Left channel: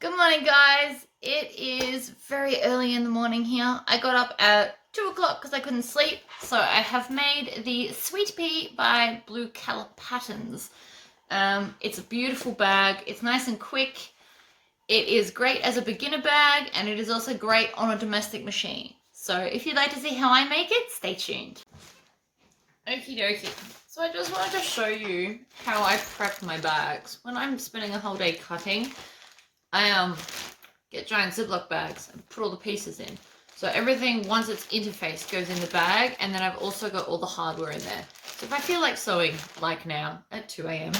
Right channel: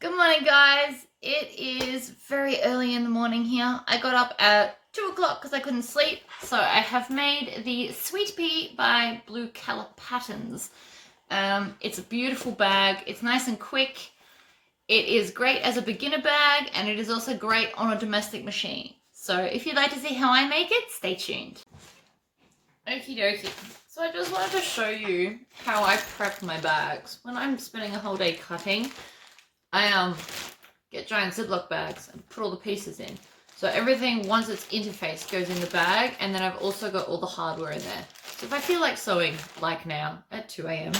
Good morning, guys. It is very early in the morning here. I got up at 2 o'clock because I couldn't sleep. So I have made the Sweet Pea by Blue Calla patterns. It's a beautiful bag. It's nice and quick. It is great as a beginner bag, and it is also great on a domestic machine. So if you'd like to see how I make it, stay tuned. Okie dokie. So I just wanted to show you how I prep my bags. When I'm spending a whole day cutting, I get giant Ziploc bags and put all the pieces in. So everything, once it's interfaced, goes in the bag, and then I've also got all the hardware in there. So if I feel like sewing, like now, at 2 a.m,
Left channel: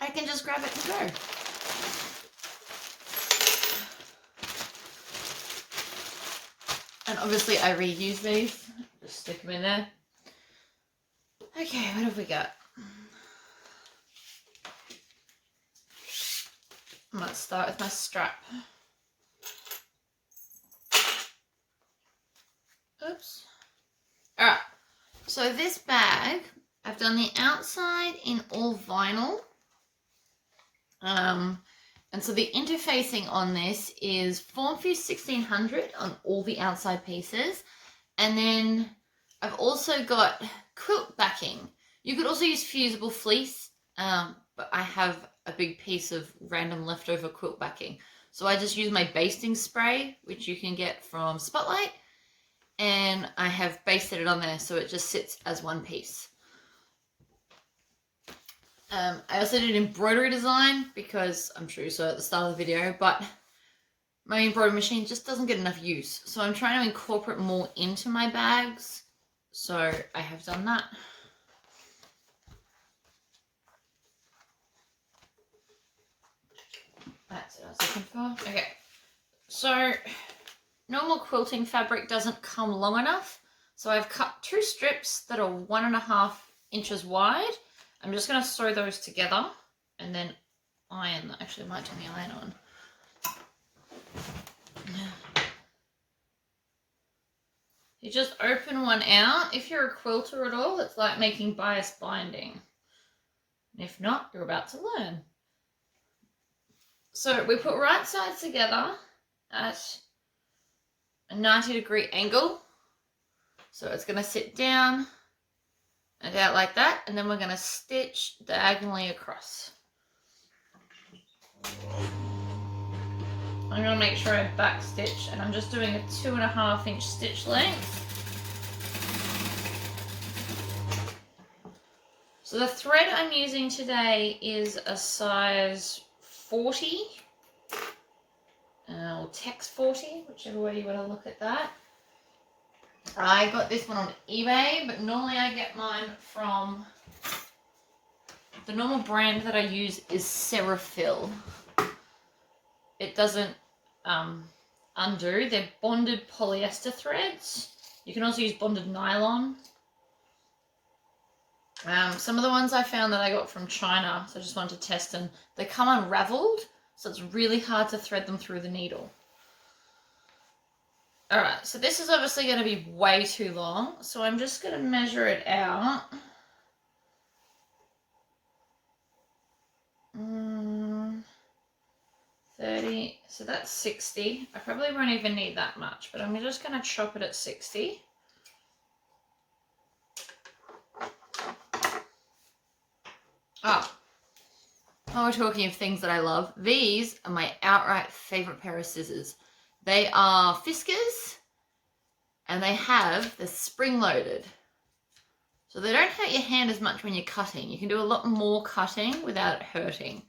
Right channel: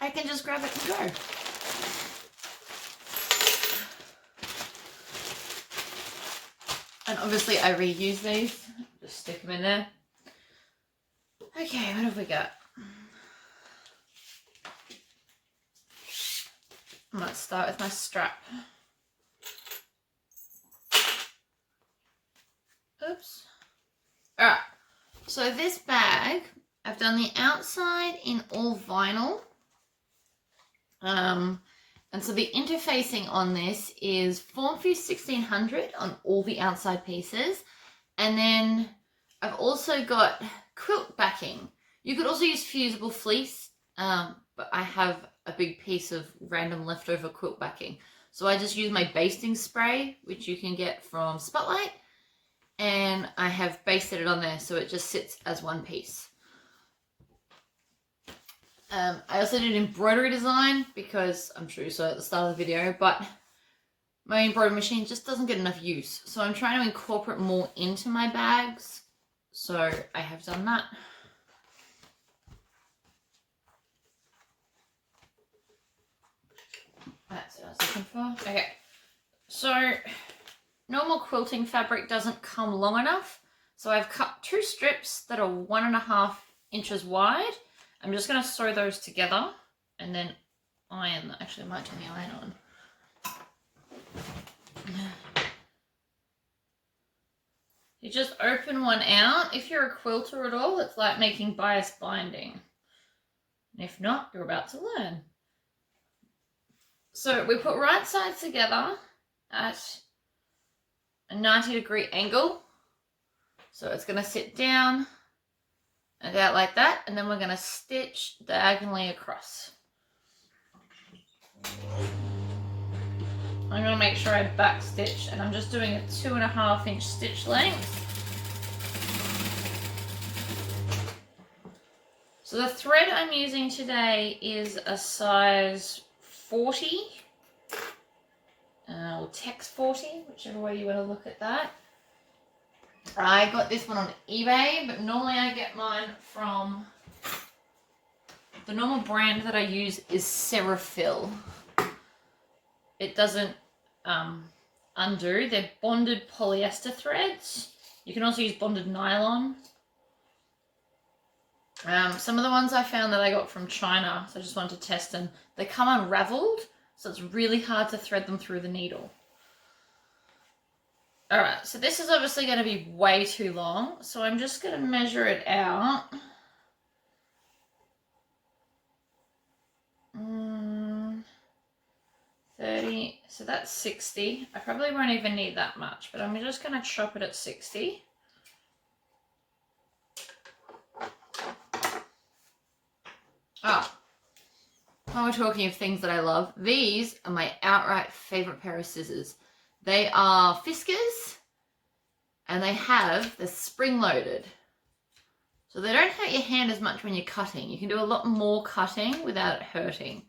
I can just grab it and go. And obviously I reuse these, just stick them in there. Okay, what have we got? I'm going to start with my strap. Oops. Alright, so this bag, I've done the outside in all vinyl. And so the interfacing on this is Formfuse 1600 on all the outside pieces. And then I've also got quilt backing. You could also use fusible fleece, but I have a big piece of random leftover quilt backing. So I just use my basting spray, which you can get from Spotlight, and I have basted it on there so it just sits as one piece. I also did embroidery design because I'm sure you saw at the start of the video, but my embroidery machine just doesn't get enough use. So I'm trying to incorporate more into my bags. So I have done that. That's what I was looking for. Okay, so normal quilting fabric doesn't come long enough. So I've cut 2 strips that are 1.5 inches wide. I'm just going to sew those together and then iron. Actually, I might turn the iron on. You just open one out. If you're a quilter at all, it's like making bias binding. And if not, you're about to learn. So we put right sides together at a 90-degree angle. So it's going to sit down and out like that, and then we're going to stitch diagonally across. I'm going to make sure I back stitch, and I'm just doing a 2.5 inch stitch length. So the thread I'm using today is a size 40, or Tex 40, whichever way you want to look at that. I got this one on eBay, but normally I get mine from, the normal brand that I use is Serafil. It doesn't undo. They're bonded polyester threads. You can also use bonded nylon. Some of the ones I found that I got from China, so I just wanted to test them, they come unraveled, so it's really hard to thread them through the needle. Alright, so this is obviously going to be way too long, so I'm just going to measure it out. 30, so that's 60. I probably won't even need that much, but I'm just going to chop it at 60. Oh, while we're talking of things that I love, these are my outright favorite pair of scissors. They are Fiskars, and they have the spring-loaded. So they don't hurt your hand as much when you're cutting. You can do a lot more cutting without it hurting.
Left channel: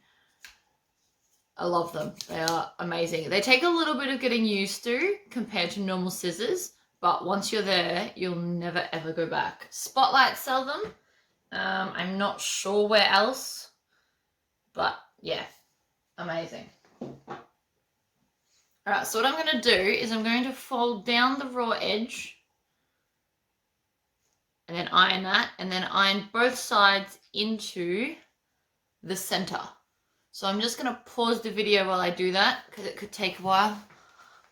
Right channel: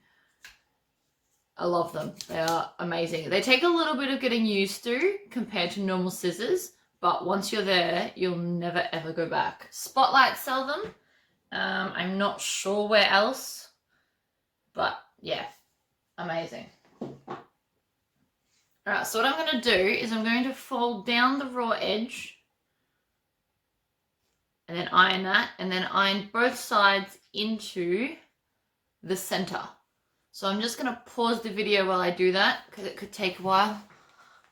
I love them. They are amazing. They take a little bit of getting used to compared to normal scissors, but once you're there, you'll never ever go back. Spotlight sell them. I'm not sure where else, but yeah, amazing. Alright, so what I'm going to do is I'm going to fold down the raw edge and then iron that, and then iron both sides into the center. So I'm just going to pause the video while I do that because it could take a while.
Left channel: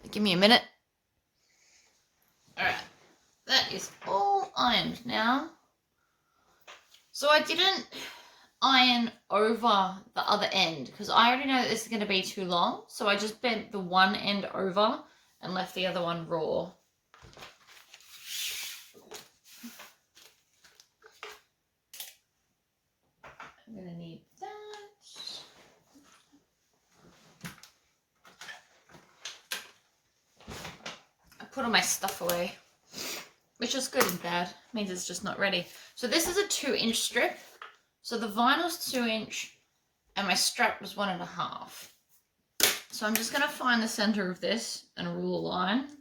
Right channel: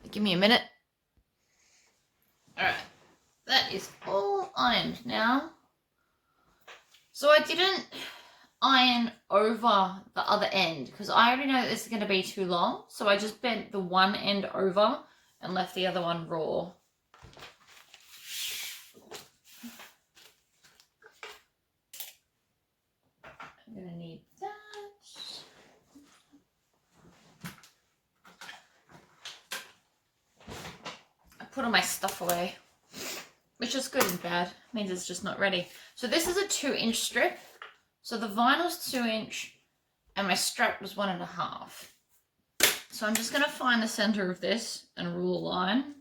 Give me a minute. Alright, that is all ironed now. So I didn't iron over the other end because I already know that this is going to be too long. So I just bent the one end over and left the other one raw. I'm going to need that. I put all my stuff away, which is good and bad. It means it's just not ready. So this is a 2-inch strip. So the vinyl's 2-inch and my strap was 1.5. So I'm just going to find the center of this and rule a line.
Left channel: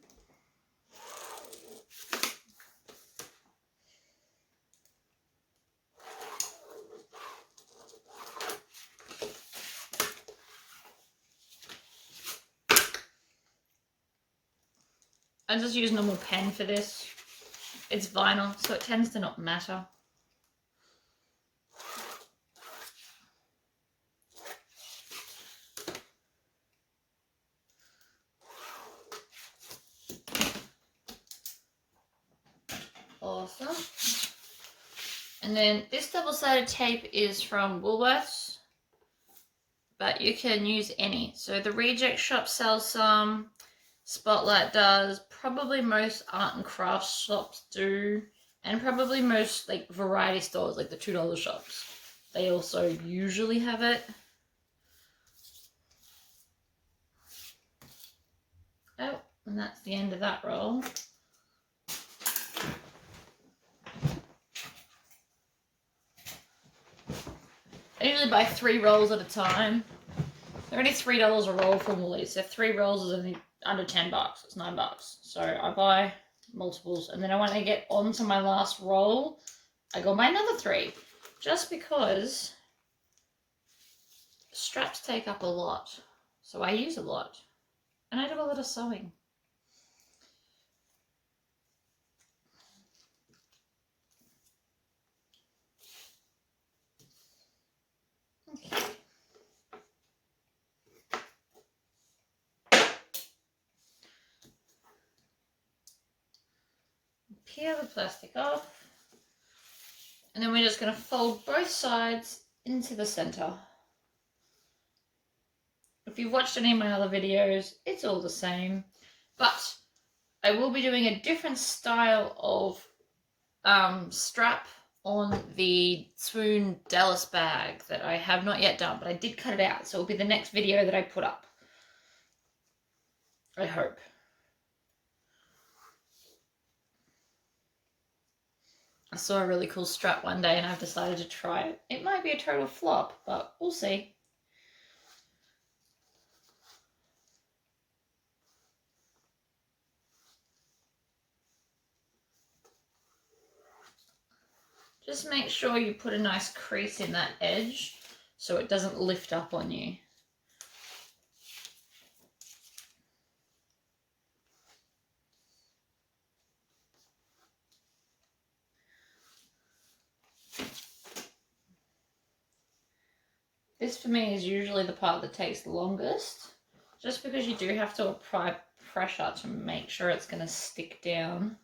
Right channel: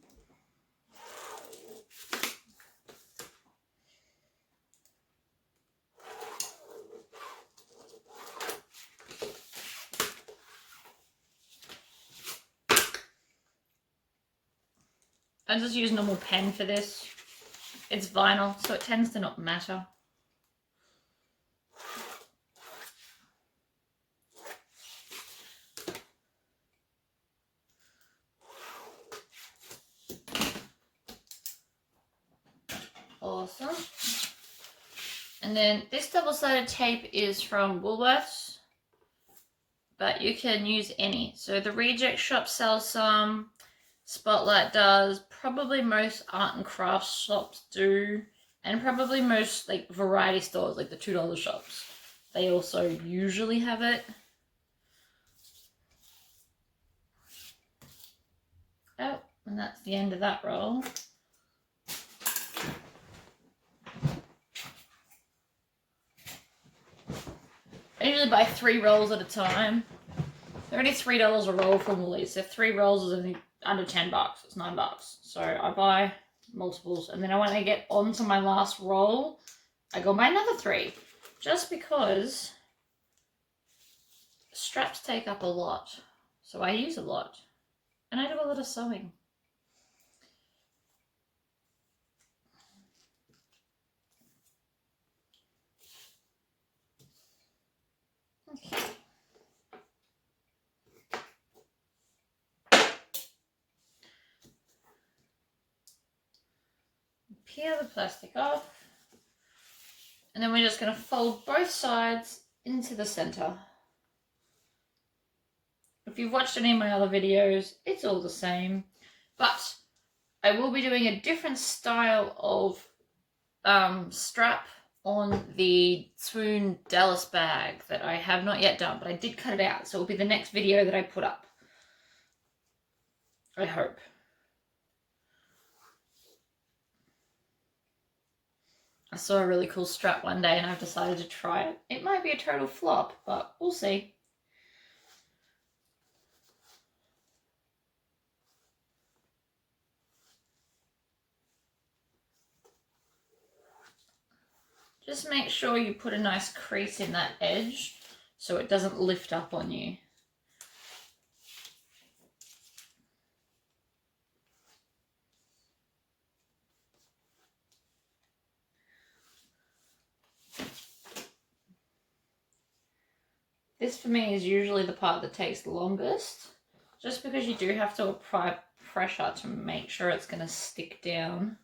I just use normal pen for this. It's vinyl, so it tends to not matter. Awesome. And then this double-sided tape is from Woolworths, but you can use any. So the Reject Shop sells some, Spotlight does, probably most art and crafts shops do, and probably most like variety stores, like the $2 shops. They also usually have it. Oh, and that's the end of that roll. I usually buy 3 rolls at a time. They're only $3 a roll from Woolies. So 3 rolls is only under $10. It's $9. So I buy multiples, and then when I get onto my last roll, I go buy another 3, just because straps take up a lot. So I use a lot, and I do a lot of sewing. Okay. Peel the plastic off, and then we're just going to fold both sides into the center. If you've watched any of my other videos, it's all the same, but I will be doing a different style of strap on the Swoon Dallas bag that I have not yet done, but I did cut it out, so it'll be the next video that I put up. I hope. I saw a really cool strap one day and I've decided to try it. It might be a total flop, but we'll see. Just make sure you put a nice crease in that edge so it doesn't lift up on you. This for me is usually the part that takes the longest, just because you do have to apply pressure to make sure it's going to stick down.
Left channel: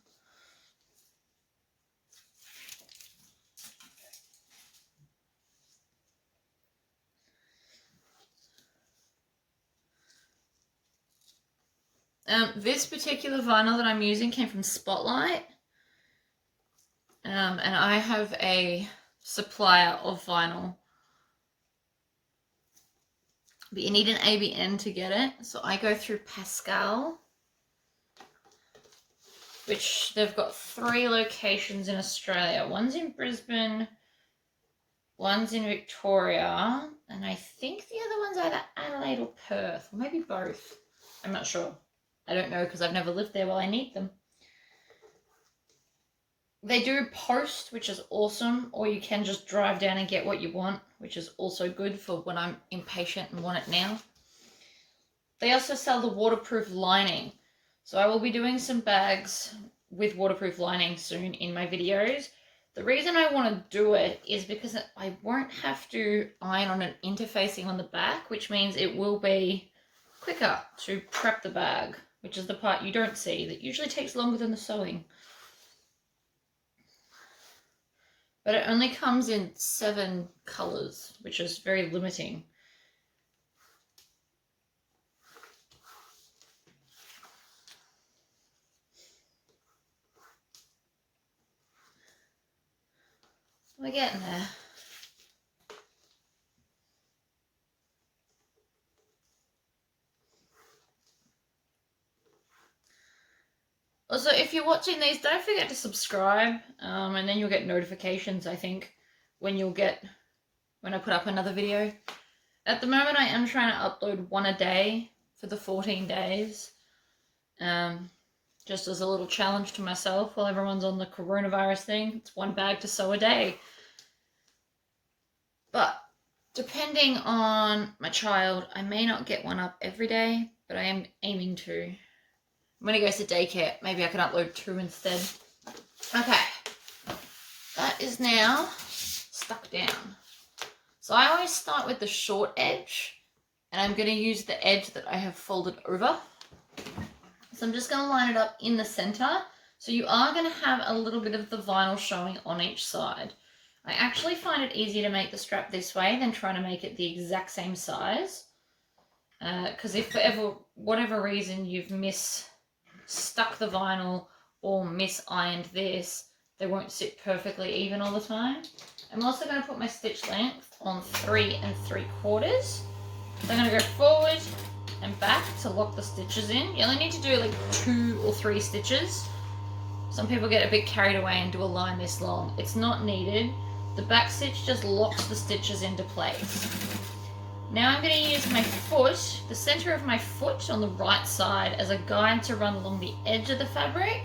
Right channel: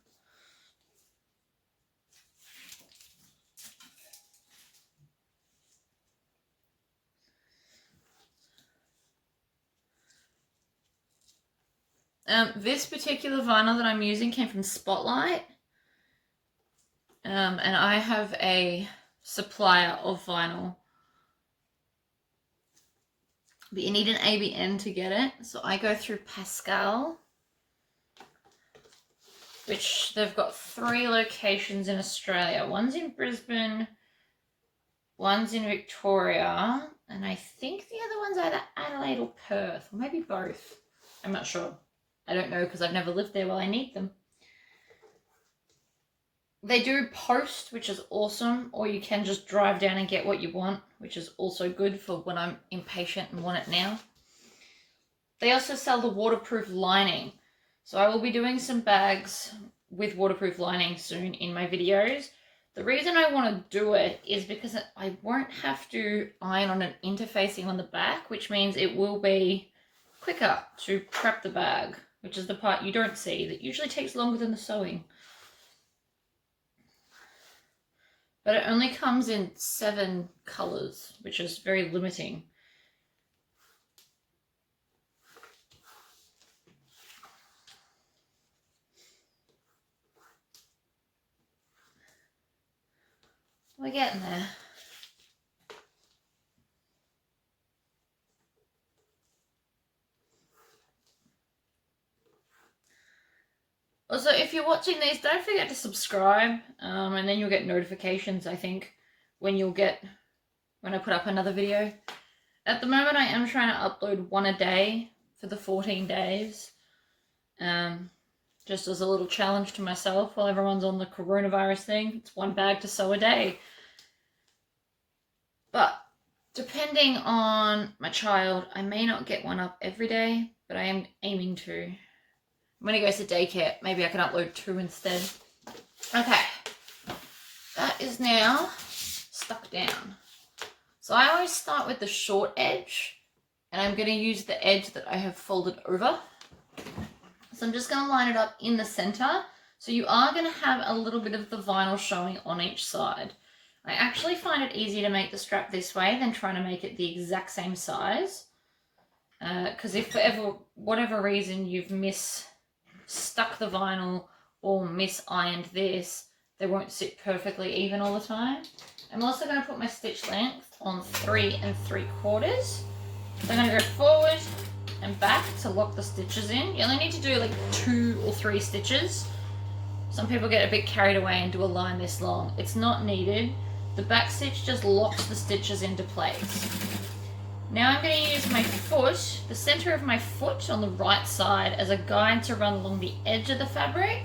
This particular vinyl that I'm using came from Spotlight, and I have a supplier of vinyl, but you need an ABN to get it, so I go through Pascal, which they've got 3 locations in Australia. One's in Brisbane, one's in Victoria, and I think the other one's either Adelaide or Perth, or maybe both. I'm not sure. I don't know because I've never lived there while I need them. They do post, which is awesome, or you can just drive down and get what you want, which is also good for when I'm impatient and want it now. They also sell the waterproof lining. So I will be doing some bags with waterproof lining soon in my videos. The reason I want to do it is because I won't have to iron on an interfacing on the back, which means it will be quicker to prep the bag, which is the part you don't see. That usually takes longer than the sewing. but it only comes in 7 colours, which is very limiting. We're getting there. Also, if you're watching these, don't forget to subscribe, and then you'll get notifications, I think, when I put up another video. At the moment, I am trying to upload 1 a day for the 14 days, just as a little challenge to myself while everyone's on the coronavirus thing. It's 1 bag to sew a day. But depending on my child, I may not get 1 up every day, but I am aiming to. When he goes to daycare, maybe I can upload 2 instead. Okay, that is now stuck down. So I always start with the short edge, and I'm going to use the edge that I have folded over. So I'm just going to line it up in the center. So you are going to have a little bit of the vinyl showing on each side. I actually find it easier to make the strap this way than trying to make it the exact same size. Because if for whatever reason you've stuck the vinyl or misironed this, they won't sit perfectly even all the time. I'm also going to put my stitch length on 3 3/4. So I'm going to go forward and back to lock the stitches in. You only need to do like 2 or 3 stitches. Some people get a bit carried away and do a line this long. It's not needed. The back stitch just locks the stitches into place. Now I'm going to use my foot, the center of my foot on the right side, as a guide to run along the edge of the fabric.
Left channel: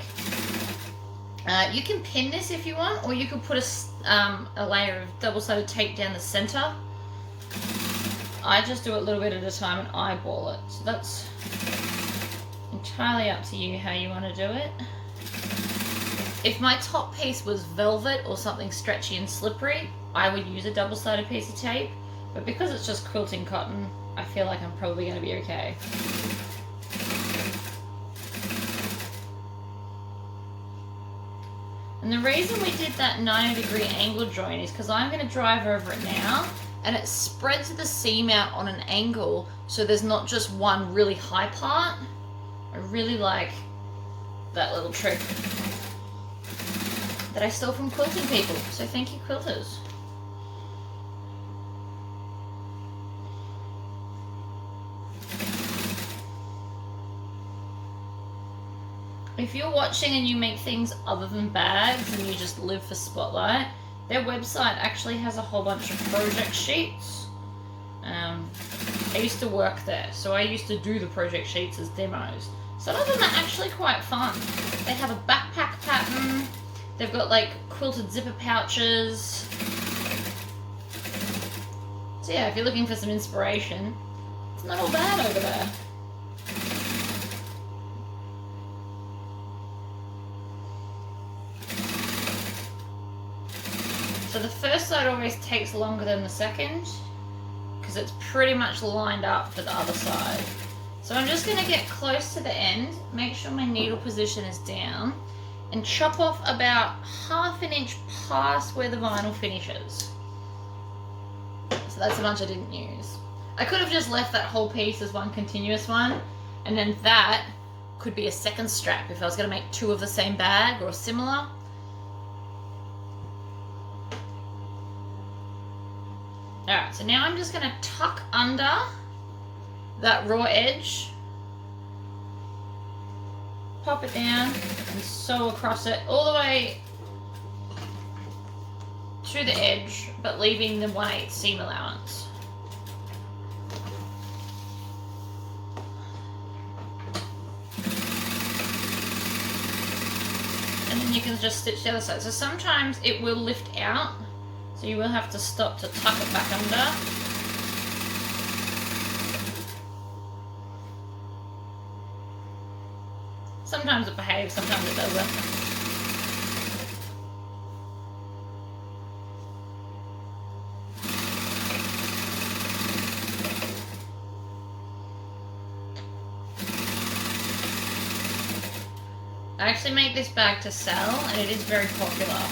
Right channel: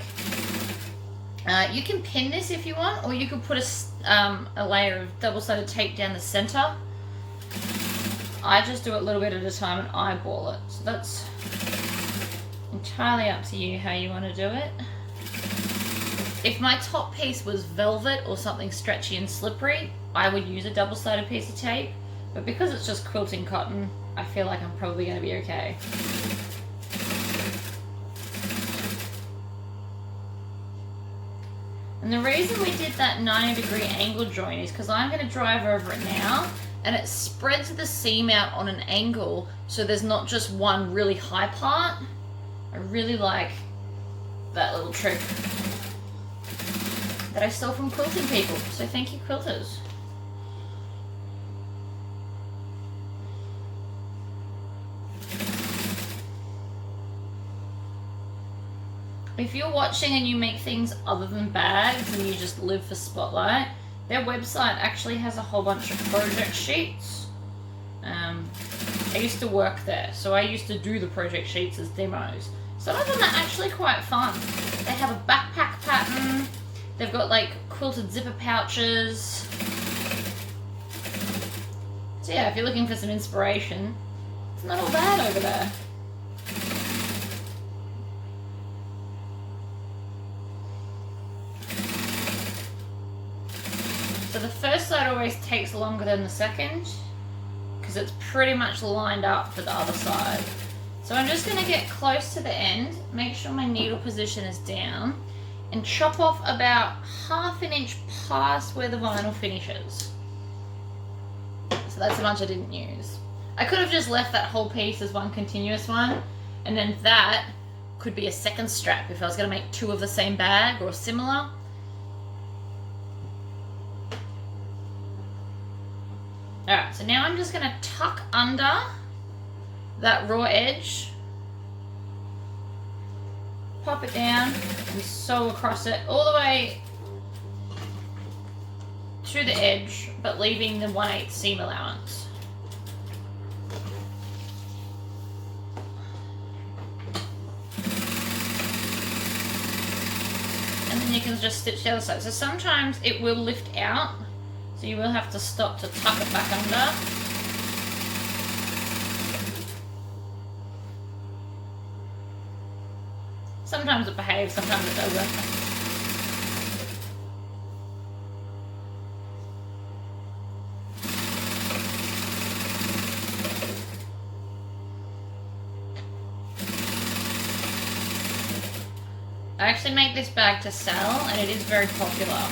You can pin this if you want, or you could put a layer of double-sided tape down the center. I just do it a little bit at a time and eyeball it. So that's entirely up to you how you want to do it. If my top piece was velvet or something stretchy and slippery, I would use a double-sided piece of tape. But because it's just quilting cotton, I feel like I'm probably going to be okay. And the reason we did that 90-degree angle join is because I'm going to drive over it now, and it spreads the seam out on an angle so there's not just one really high part. I really like that little trick that I stole from quilting people, so thank you, quilters. If you're watching and you make things other than bags and you just live for Spotlight, their website actually has a whole bunch of project sheets. I used to work there, so I used to do the project sheets as demos. Some of them are actually quite fun. They have a backpack pattern, they've got like quilted zipper pouches. So yeah, if you're looking for some inspiration, it's not all bad over there. So the first side always takes longer than the second because it's pretty much lined up for the other side. So I'm just going to get close to the end, make sure my needle position is down, and chop off about 1/2 inch past where the vinyl finishes. So that's the much I didn't use. I could have just left that whole piece as one continuous one, and then that could be a second strap if I was going to make 2 of the same bag or similar. Alright, so now I'm just going to tuck under that raw edge, pop it down, and sew across it all the way to the edge, but leaving the 1/8 seam allowance. And then you can just stitch the other side. So sometimes it will lift out, so you will have to stop to tuck it back under. Sometimes it behaves, sometimes it doesn't. I actually make this bag to sell, and it is very popular.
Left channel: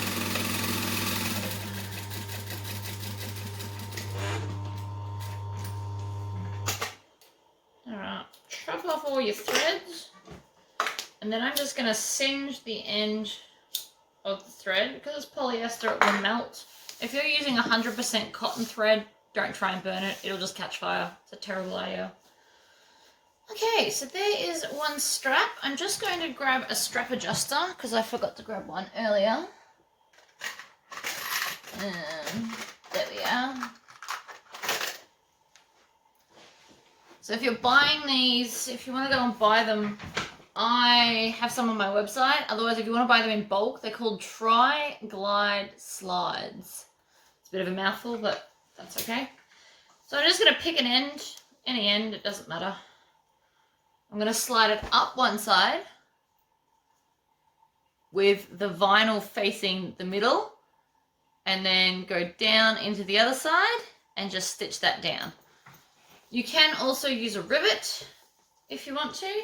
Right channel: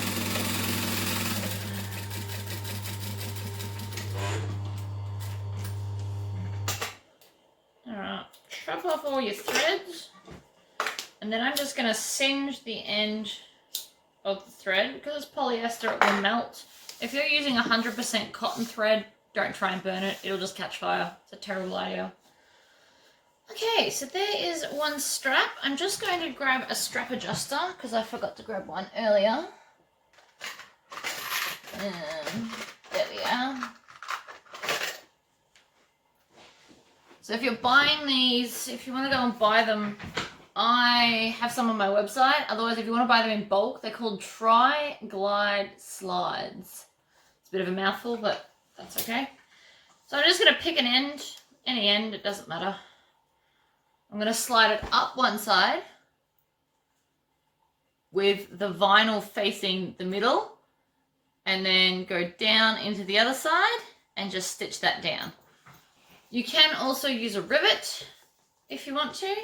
chop off all your threads. And then I'm just going to singe the end of the thread. Because it's polyester, it will melt. If you're using 100% cotton thread, don't try and burn it. It'll just catch fire. It's a terrible idea. Okay, so there is one strap. I'm just going to grab a strap adjuster because I forgot to grab one earlier. And there we are. So if you're buying these, if you want to go and buy them, I have some on my website. Otherwise, if you want to buy them in bulk, they're called Tri-Glide Slides. It's a bit of a mouthful, but that's okay. So I'm just going to pick an end, any end, it doesn't matter. I'm going to slide it up one side with the vinyl facing the middle and then go down into the other side and just stitch that down. You can also use a rivet if you want to.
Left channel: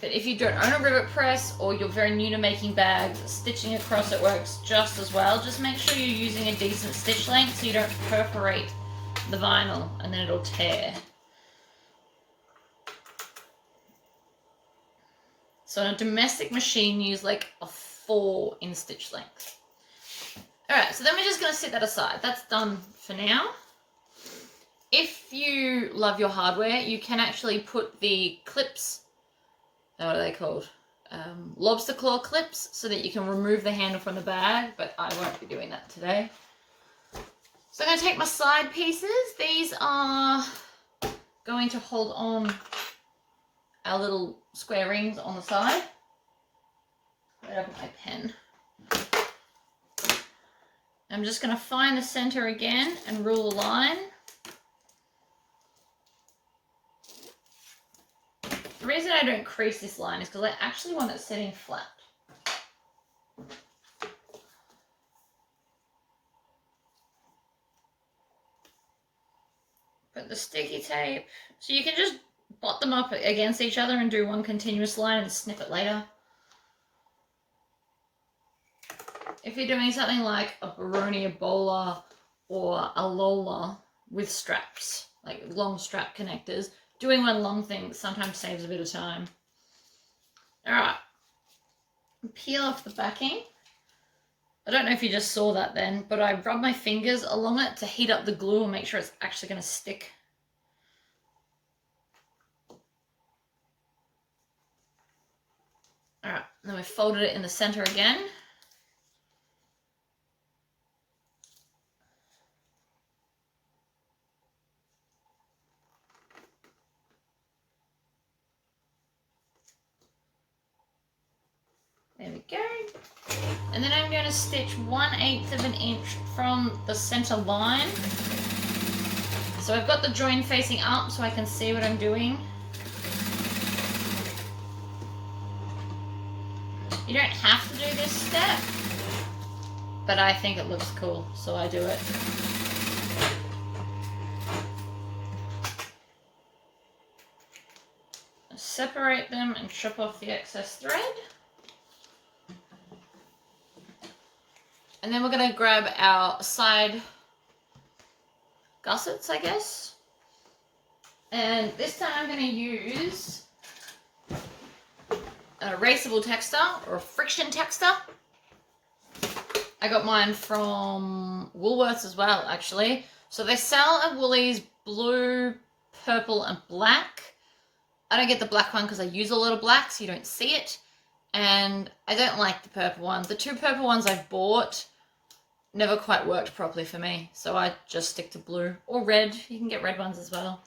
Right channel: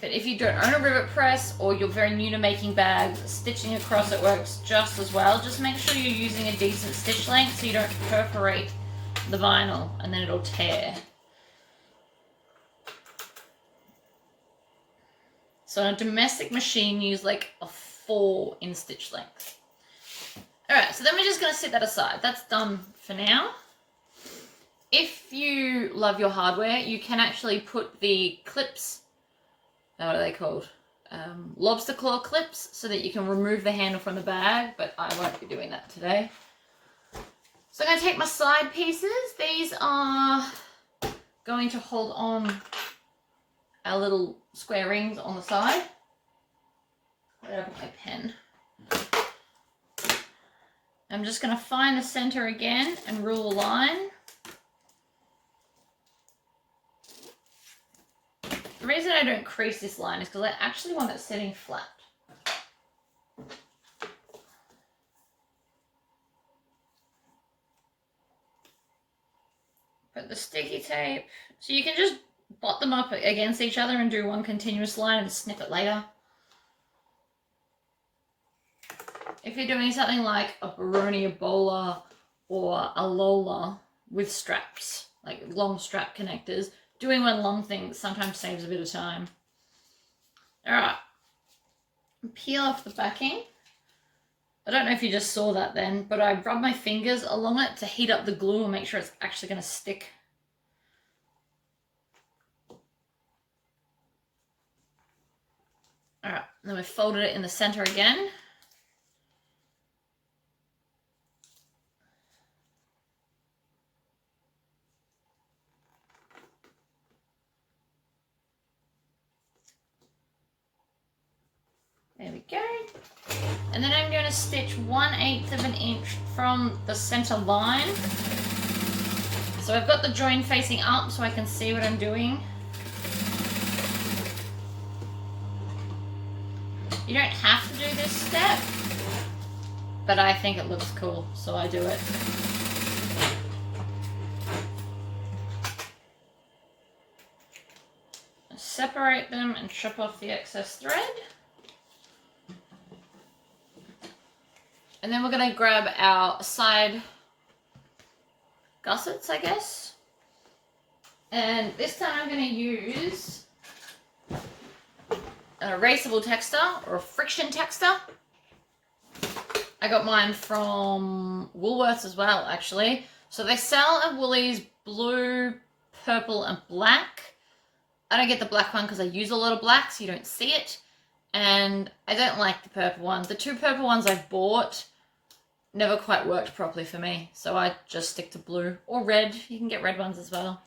But if you don't own a rivet press or you're very new to making bags, stitching across it works just as well. Just make sure you're using a decent stitch length so you don't perforate the vinyl and then it'll tear. So on a domestic machine, use like a 4 in stitch length. Alright, so then we're just going to set that aside. That's done for now. If you love your hardware, you can actually put the clips, what are they called? Lobster claw clips, so that you can remove the handle from the bag, but I won't be doing that today. So I'm going to take my side pieces. These are going to hold on our little square rings on the side. Where did I put my pen? I'm just going to find the center again and rule a line. The reason I don't crease this line is because I actually want it sitting flat. Put the sticky tape. So you can just bot them up against each other and do one continuous line and snip it later. If you're doing something like a Baroni, a bowler, or a Lola with straps, like long strap connectors, doing one long thing sometimes saves a bit of time. Alright, peel off the backing. I don't know if you just saw that then, but I rub my fingers along it to heat up the glue and make sure it's actually going to stick. Alright, then we folded it in the center again. There we go. And then I'm going to stitch 1/8 of an inch from the center line. So I've got the join facing up so I can see what I'm doing. You don't have to do this step, but I think it looks cool, so I do it. Separate them and chop off the excess thread. And then we're going to grab our side gussets, I guess. And this time I'm going to use an erasable texter or a friction texter. I got mine from Woolworths as well, actually. So they sell at Woolies blue, purple and black. I don't get the black one because I use a lot of black so you don't see it. And I don't like the purple one. The 2 purple ones I've bought never quite worked properly for me. So I just stick to blue or red. You can get red ones as well.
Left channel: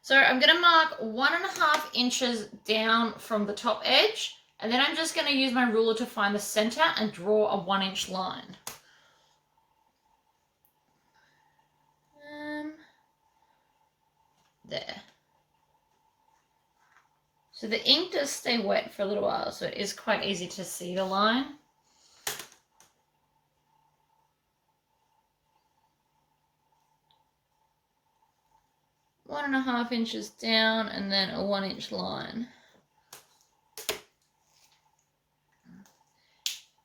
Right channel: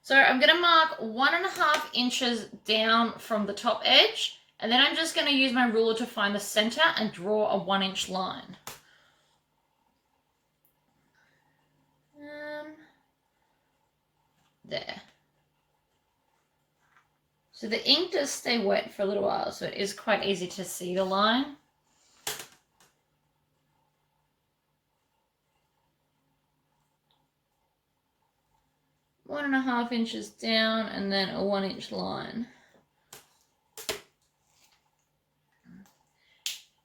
So I'm going to mark 1.5 inches down from the top edge. And then I'm just going to use my ruler to find the center and draw a 1-inch line. There. So the ink does stay wet for a little while, so it is quite easy to see the line. One and a half inches down and then a 1-inch line.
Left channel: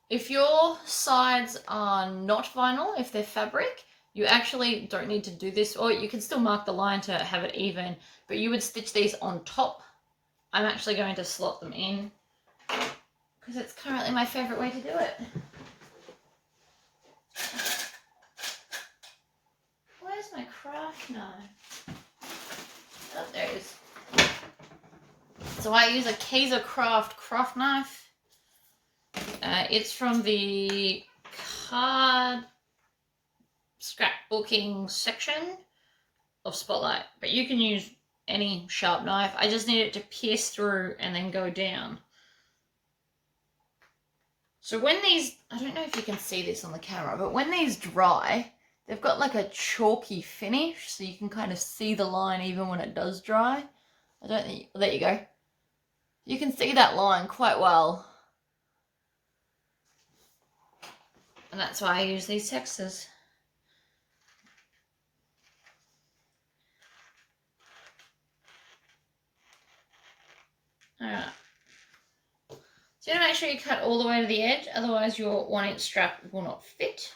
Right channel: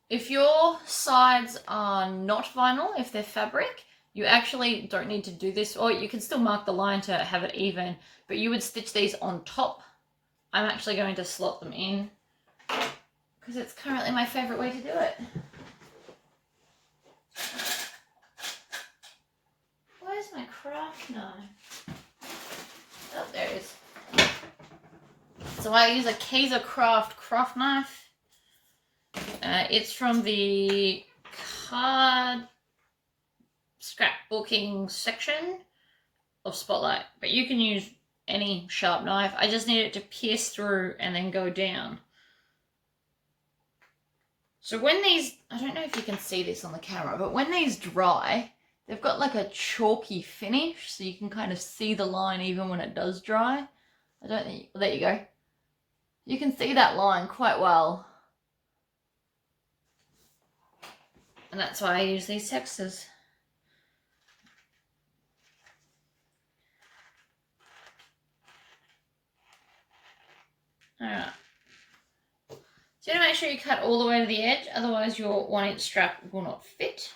If your sides are not vinyl, if they're fabric, you actually don't need to do this, or you can still mark the line to have it even, but you would stitch these on top. I'm actually going to slot them in because it's currently my favorite way to do it. Where's my craft knife? Oh, there it is. So I use a Kaiser craft knife. It's from the card scrapbooking section of Spotlight, but you can use any sharp knife. I just need it to pierce through and then go down. So when these, I don't know if you can see this on the camera, but when these dry, they've got like a chalky finish, so you can kind of see the line even when it does dry. I don't think, well, there you go. You can see that line quite well. And that's why I use these textures. Alright. So you want to make sure you cut all the way to the edge, otherwise your 1-inch strap will not fit.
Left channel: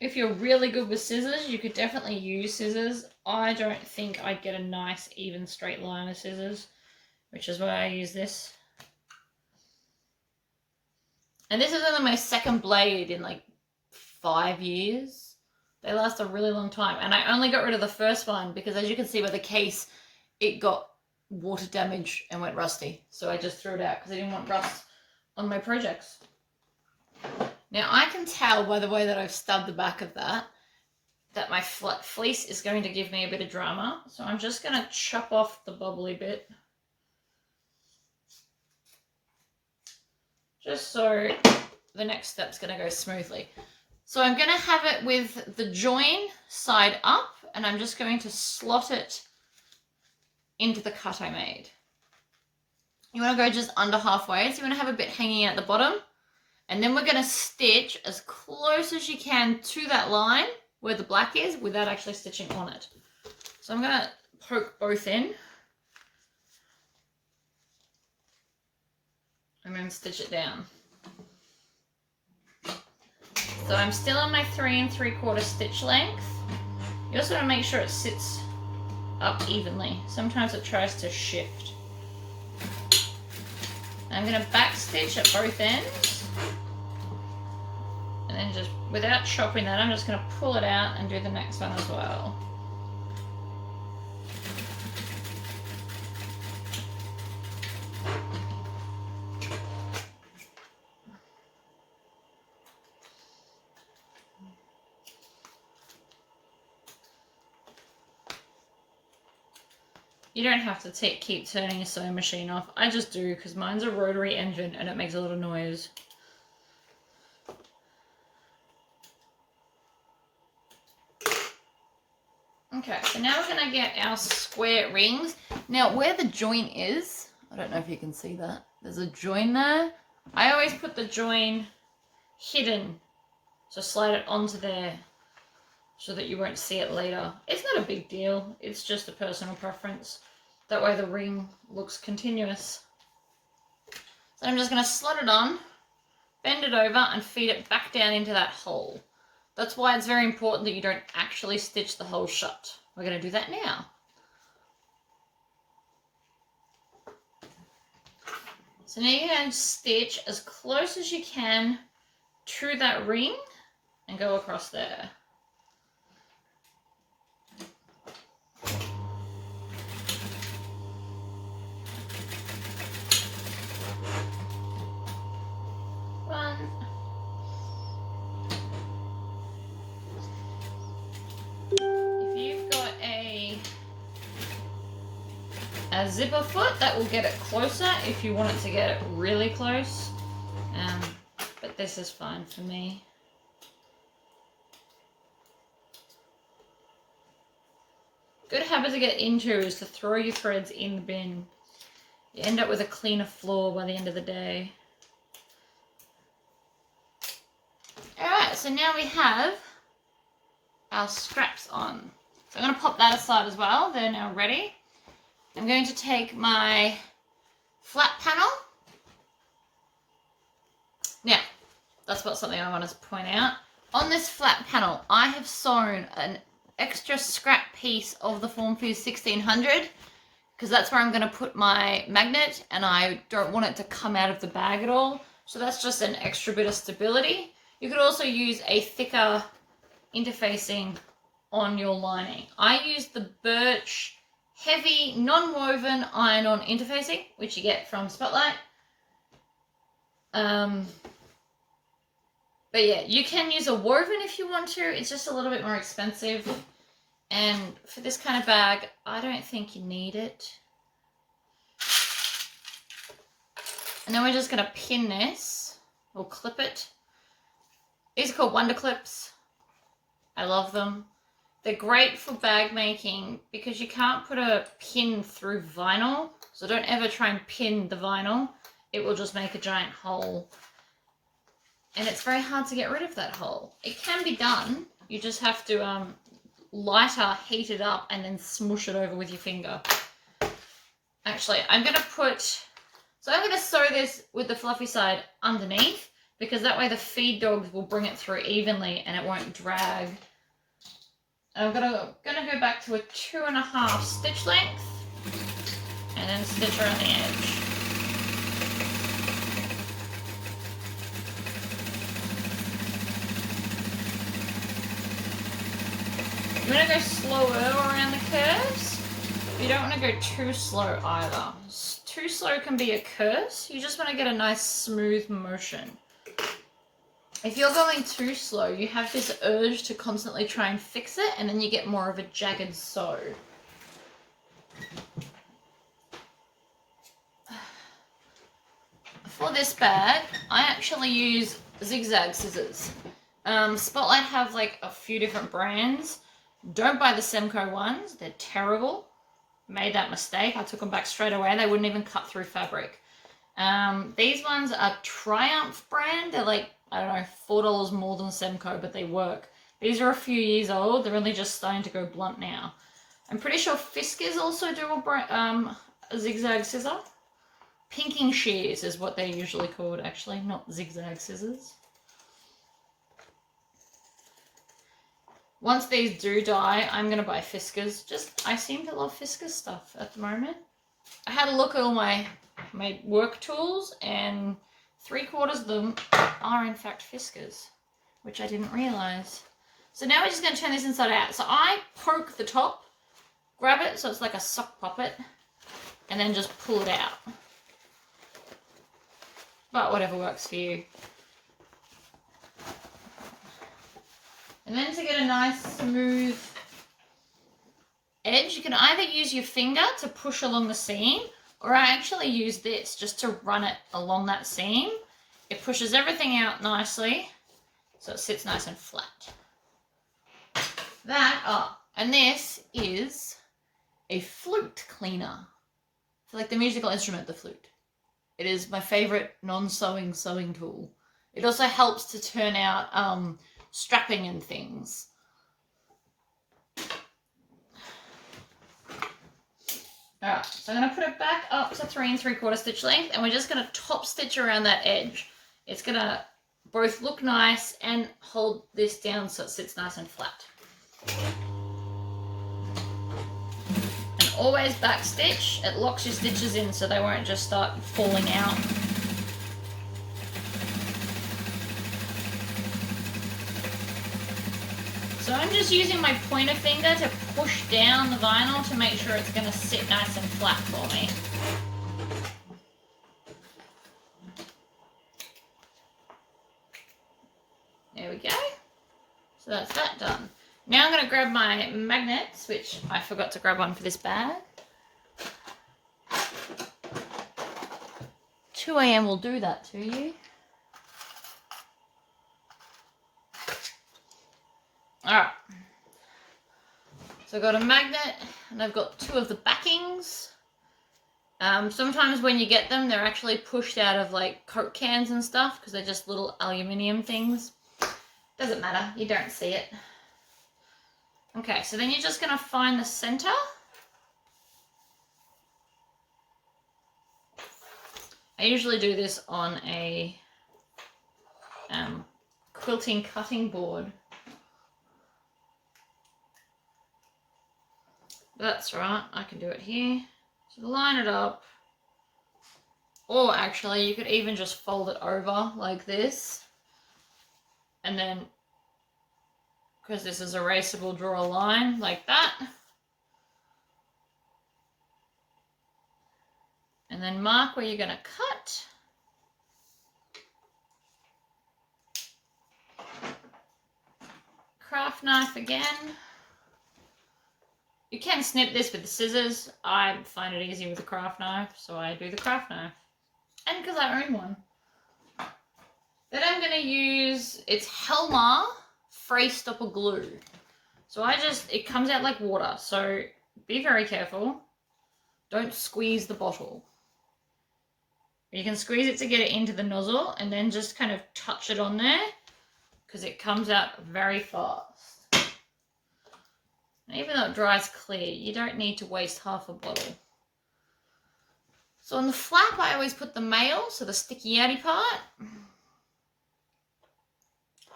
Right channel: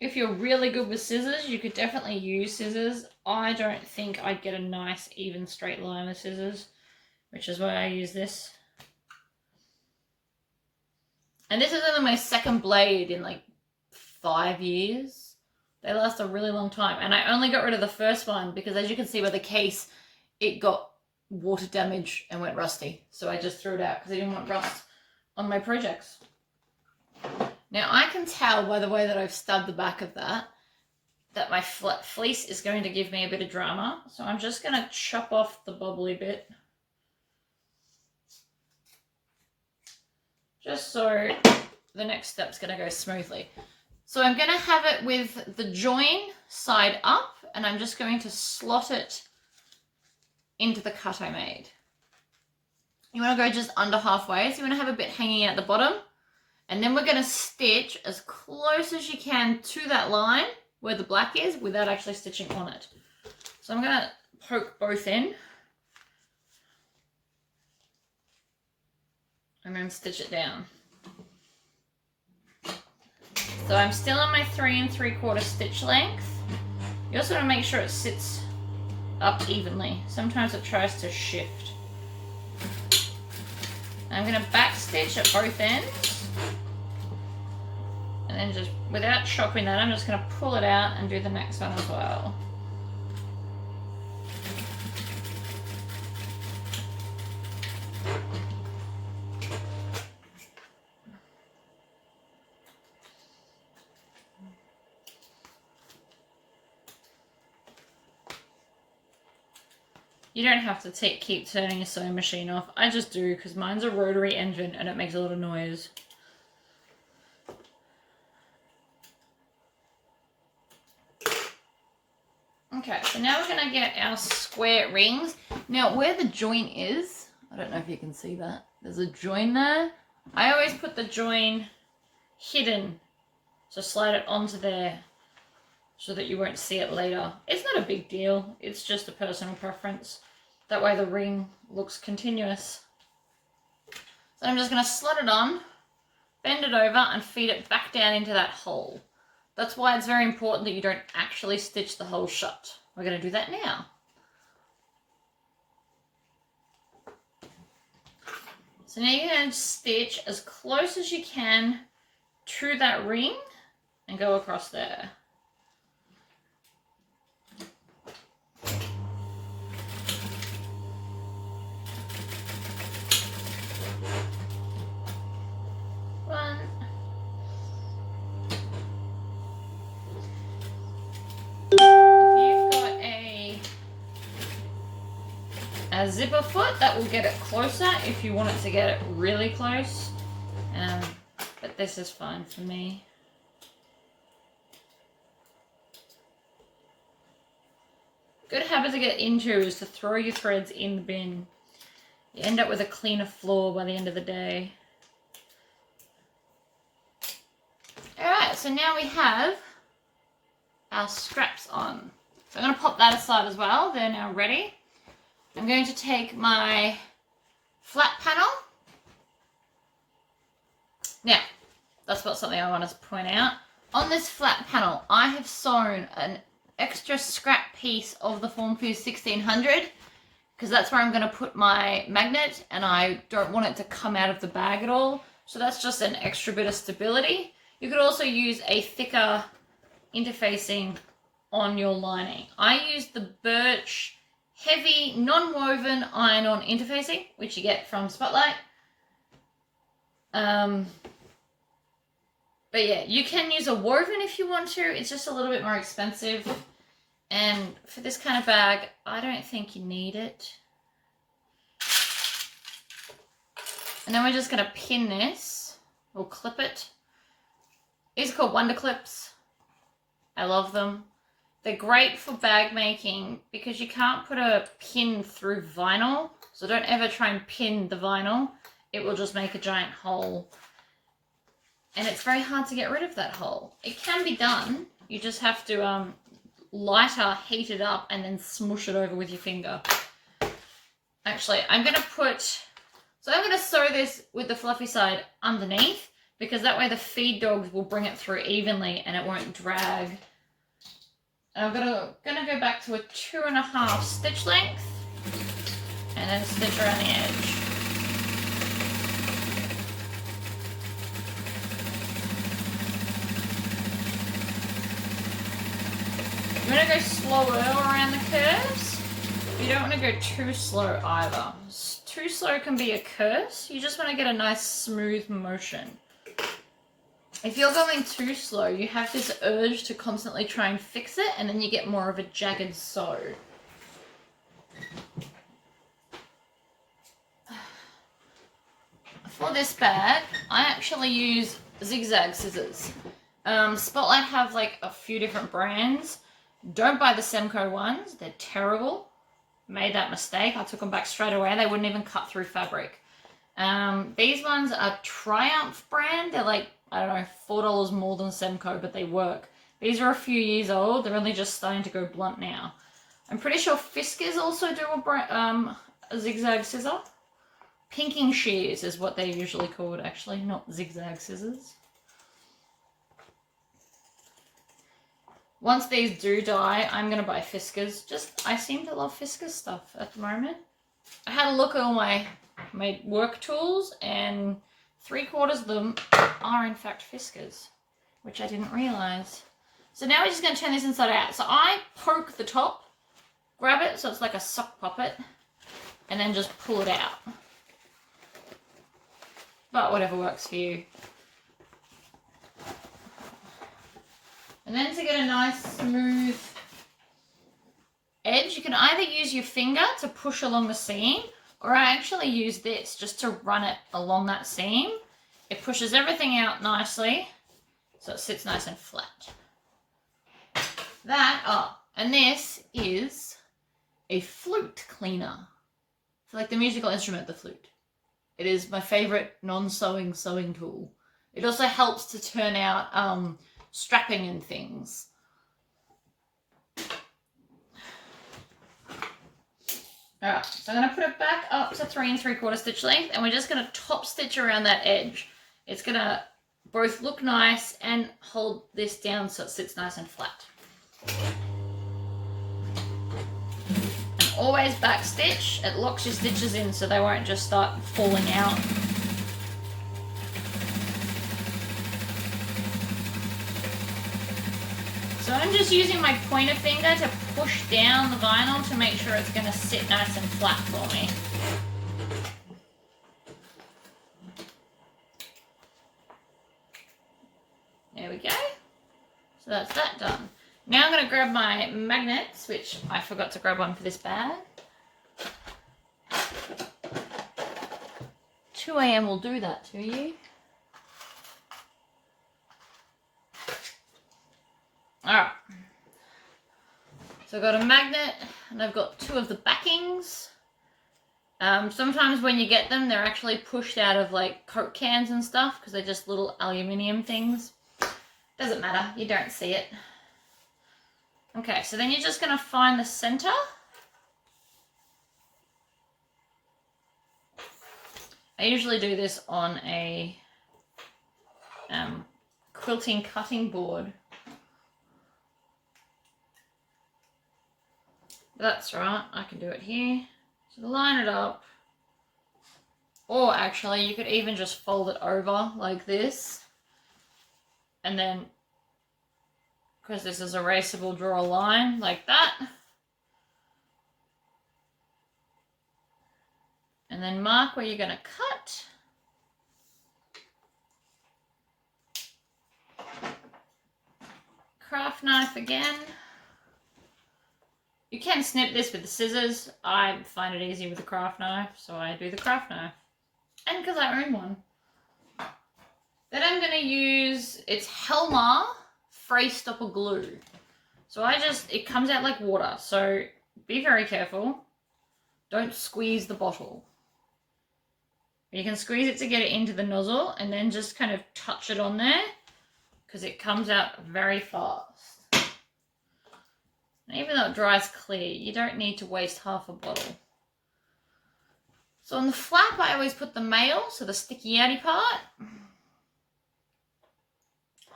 If you're really good with scissors, you could definitely use scissors. I don't think I'd get a nice even straight line with scissors, which is why I use this. And this is only my second blade in like 5 years. They last a really long time. And I only got rid of the first one because, as you can see by the case, it got water damage and went rusty. So I just threw it out because I didn't want rust on my projects. Now I can tell by the way that I've stubbed the back of that my fleece is going to give me a bit of drama. So I'm just going to chop off the bubbly bit. Just so the next step's going to go smoothly. So I'm going to have it with the join side up, and I'm just going to slot it into the cut I made. You want to go just under halfway, so you want to have a bit hanging at the bottom, and then we're going to stitch as close as you can to that line where the black is without actually stitching on it. So I'm going to poke both in and then stitch it down. So I'm still on my 3 3/4 stitch length. You also want to make sure it sits up evenly. Sometimes it tries to shift. And I'm going to back stitch at both ends. And then just, without chopping that, I'm just going to pull it out and do the next one as well. You don't have to keep turning your sewing machine off. I just do because mine's a rotary engine and it makes a lot of noise. Okay, so now we're going to get our square rings. Now where the join is, I don't know if you can see that. There's a join there. I always put the join hidden. So slide it onto there so that you won't see it later. It's not a big deal. It's just a personal preference. That way the ring looks continuous. So I'm just going to slot it on, bend it over and feed it back down into that hole. That's why it's very important that you don't actually stitch the hole shut. We're going to do that now. So now you're going to stitch as close as you can to that ring and go across there. A zipper foot, that will get it closer if you want it to get it really close, but this is fine for me. Good habit to get into is to throw your threads in the bin. You end up with a cleaner floor by the end of the day. Alright, so now we have our straps on. So I'm going to pop that aside as well. They're now ready. I'm going to take my flat panel. Now, that's what something I wanted to point out. On this flat panel, I have sewn an extra scrap piece of the Formfuse 1600 because that's where I'm going to put my magnet, and I don't want it to come out of the bag at all. So that's just an extra bit of stability. You could also use a thicker interfacing on your lining. I use the Birch heavy non-woven iron-on interfacing, which you get from Spotlight. But yeah, you can use a woven if you want to. It's just a little bit more expensive. And for this kind of bag, I don't think you need it. And then we're just going to pin this, or clip it. These are called Wonder Clips. I love them. They're great for bag making because you can't put a pin through vinyl. So don't ever try and pin the vinyl. It will just make a giant hole. And it's very hard to get rid of that hole. It can be done. You just have to lighter heat it up and then smoosh it over with your finger. Actually, I'm going to sew this with the fluffy side underneath, because that way the feed dogs will bring it through evenly and it won't drag. And I'm gonna go back to a 2.5 stitch length and then stitch around the edge. You want to go slower around the curves. You don't want to go too slow either. Too slow can be a curse. You just want to get a nice smooth motion. If you're going too slow, you have this urge to constantly try and fix it, and then you get more of a jagged sew. For this bag, I actually use zigzag scissors. Spotlight have like a few different brands. Don't buy the Semco ones. They're terrible. Made that mistake. I took them back straight away. They wouldn't even cut through fabric. These ones are Triumph brand. They're like, I don't know, $4 more than Semco, but they work. These are a few years old. They're only just starting to go blunt now. I'm pretty sure Fiskars also do a zigzag scissor. Pinking shears is what they're usually called, actually, not zigzag scissors. Once these do die, I'm going to buy Fiskars. I seem to love Fiskars stuff at the moment. I had a look at all my work tools, and 3/4 of them are in fact Fiskars, which I didn't realise. So now we're just going to turn this inside out. So I poke the top, grab it so it's like a sock puppet, and then just pull it out. But whatever works for you. And then to get a nice smooth edge, you can either use your finger to push along the seam, or I actually use this just to run it along that seam. It pushes everything out nicely, so it sits nice and flat. And this is a flute cleaner. It's like the musical instrument, the flute. It is my favourite non-sewing sewing tool. It also helps to turn out strapping and things. Alright, so I'm going to put it back up to 3 3/4 stitch length, and we're just going to top stitch around that edge. It's going to both look nice and hold this down so it sits nice and flat. And always back stitch. It locks your stitches in so they won't just start falling out. So I'm just using my pointer finger to push down the vinyl to make sure it's going to sit nice and flat for me. There we go. So that's that done. Now I'm going to grab my magnets, which I forgot to grab one for this bag. 2 AM will do that to you. Alright, so I've got a magnet and I've got 2 of the backings. Sometimes when you get them, they're actually pushed out of like Coke cans and stuff because they're just little aluminium things. Doesn't matter, you don't see it. Okay, so then you're just going to find the center. I usually do this on a quilting cutting board. That's right, I can do it here. So line it up. Or actually, you could even just fold it over like this. And then, because this is erasable, draw a line like that. And then mark where you're going to cut. Craft knife again. You can snip this with the scissors. I find it easy with the craft knife, so I do the craft knife. And because I own one. Then I'm going to use, it's Helmer Fray Stopper Glue. So it comes out like water, so be very careful. Don't squeeze the bottle. You can squeeze it to get it into the nozzle and then just kind of touch it on there because it comes out very fast. And even though it dries clear, you don't need to waste half a bottle. So on the flap, I always put the mail, so the sticky outy part.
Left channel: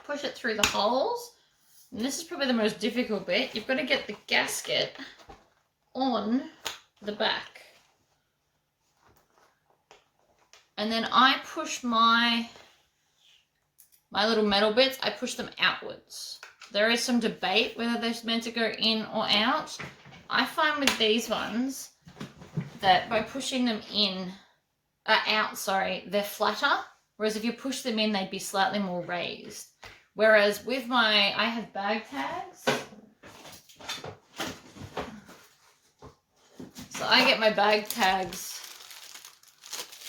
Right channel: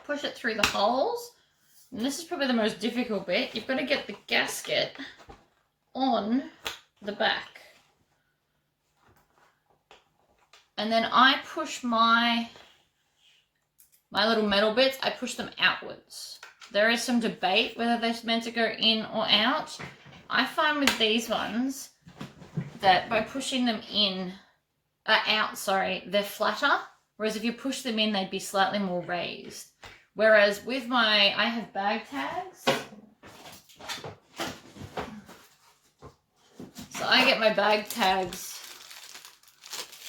Push it through the holes. And this is probably the most difficult bit. You've got to get the gasket on the back. And then I push my little metal bits, I push them outwards. There is some debate whether they're meant to go in or out. I find with these ones that by pushing them out, they're flatter. Whereas if you push them in, they'd be slightly more raised. Whereas with I have bag tags. So I get my bag tags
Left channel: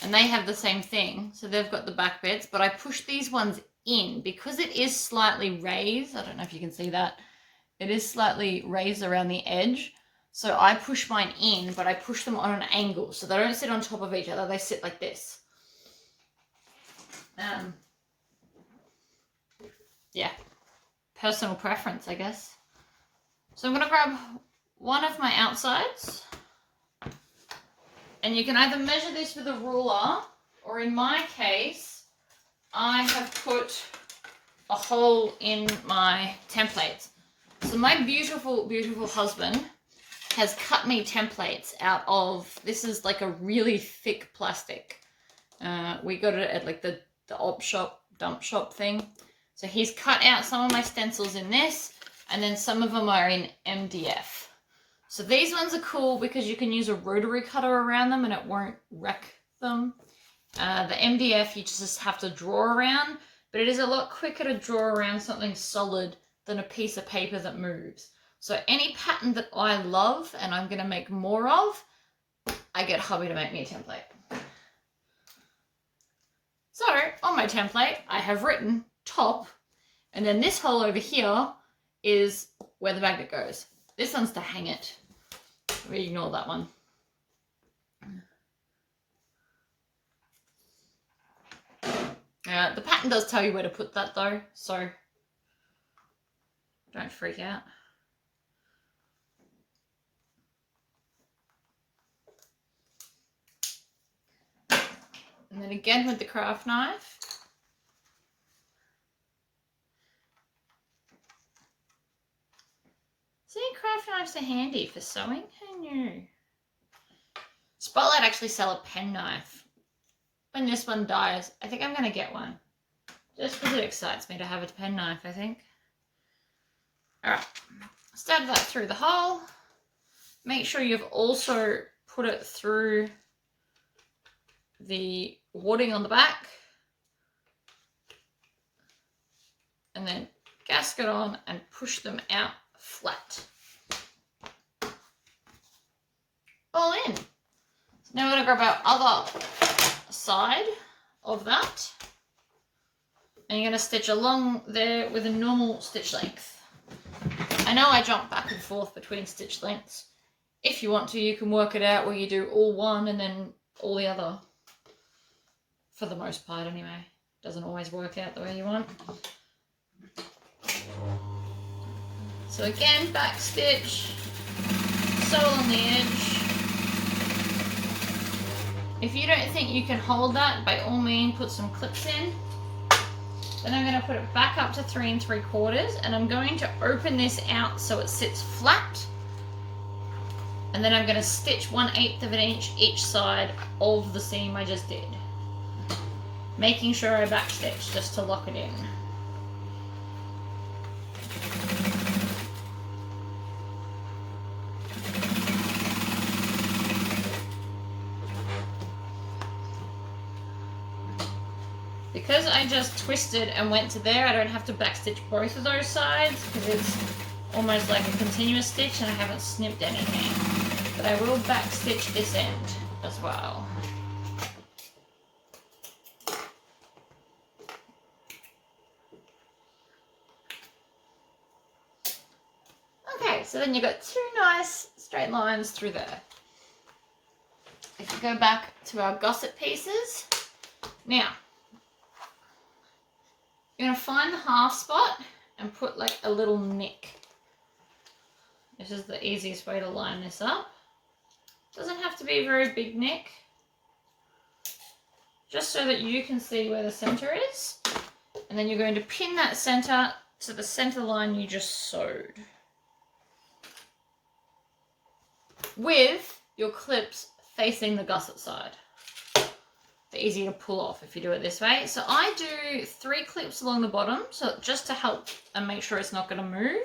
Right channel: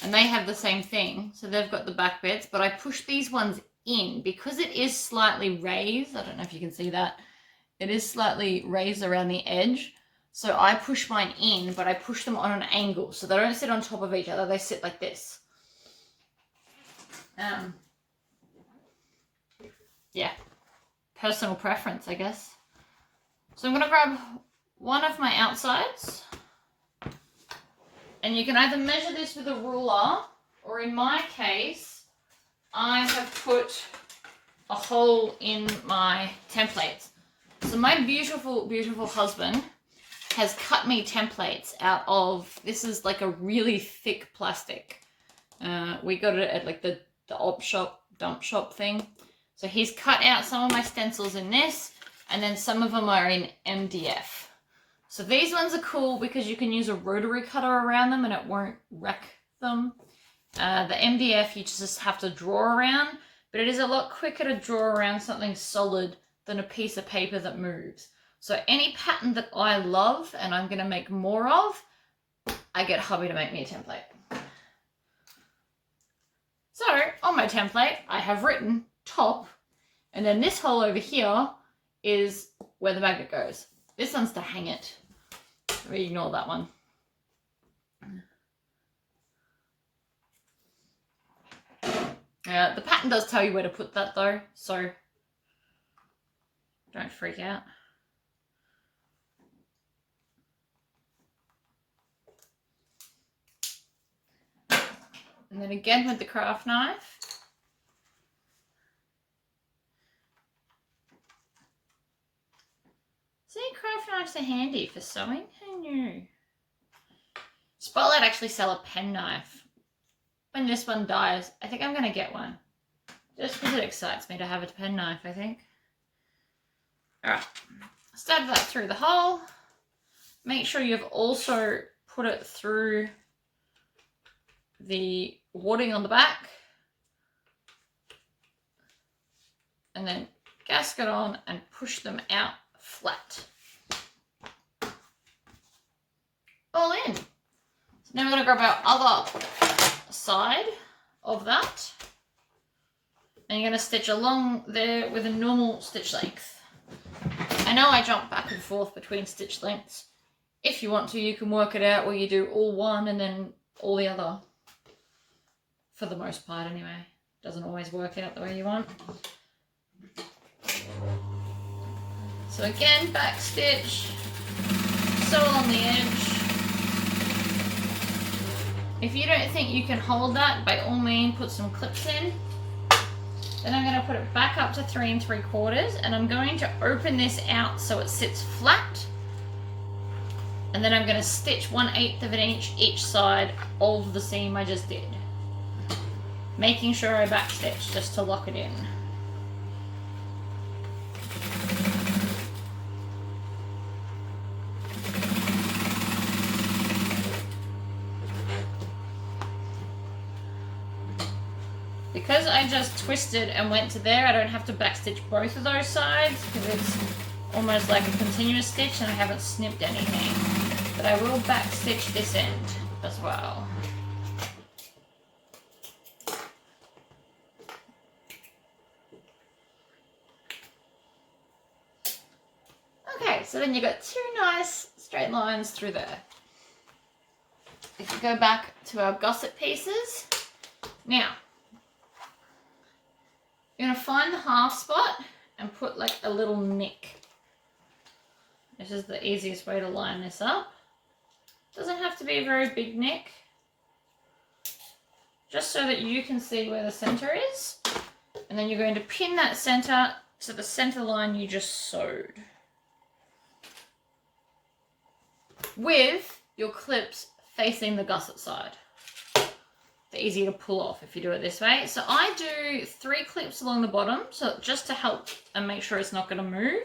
and they have the same thing. So they've got the back bits, but I push these ones in because it is slightly raised. I don't know if you can see that. It is slightly raised around the edge. So I push mine in, but I push them on an angle. So they don't sit on top of each other. They sit like this. Yeah. Personal preference, I guess. So I'm going to grab one of my outsides. And you can either measure this with a ruler, or in my case, I have put a hole in my templates. So my beautiful, beautiful husband has cut me templates out of, this is like a really thick plastic. We got it at like the op shop, dump shop thing. So he's cut out some of my stencils in this, and then some of them are in MDF. So these ones are cool because you can use a rotary cutter around them and it won't wreck them. The MDF you just have to draw around, but it is a lot quicker to draw around something solid than a piece of paper that moves. So any pattern that I love and I'm going to make more of, I get hubby to make me a template. So on my template, I have written top, and then this hole over here is where the magnet goes. This one's to hang it. We ignore that one. The pattern does tell you where to put that though, so don't freak out. And then again with the craft knife. See, craft knives are handy for sewing. Who knew? Spotlight actually sell a pen knife. When this one dies, I think I'm going to get one. Just because it excites me to have a pen knife, I think. Alright, stab that through the hole. Make sure you've also put it through the wadding on the back. And then gasket on and push them out flat. All in. So now we're going to grab our other side of that. And you're going to stitch along there with a normal stitch length. I know I jump back and forth between stitch lengths. If you want to, you can work it out where you do all one and then all the other. For the most part anyway. Doesn't always work out the way you want. So again, back stitch, sew on the edge. If you don't think you can hold that, by all means put some clips in. Then I'm going to put it back up to 3 3/4, and I'm going to open this out so it sits flat. And then I'm going to stitch 1/8 of an inch each side of the seam I just did, making sure I backstitch just to lock it in. Because I just twisted and went to there, I don't have to backstitch both of those sides because it's almost like a continuous stitch and I haven't snipped anything. But I will backstitch this end as well. Okay, so then you've got 2 nice straight lines through there. If you go back to our gusset pieces, now, you're going to find the half spot and put like a little nick. This is the easiest way to line this up. Doesn't have to be a very big nick. Just so that you can see where the center is. And then you're going to pin that center to the center line you just sewed, with your clips facing the gusset side. They're easier to pull off if you do it this way. So I do 3 clips along the bottom, so just to help and make sure it's not going to move.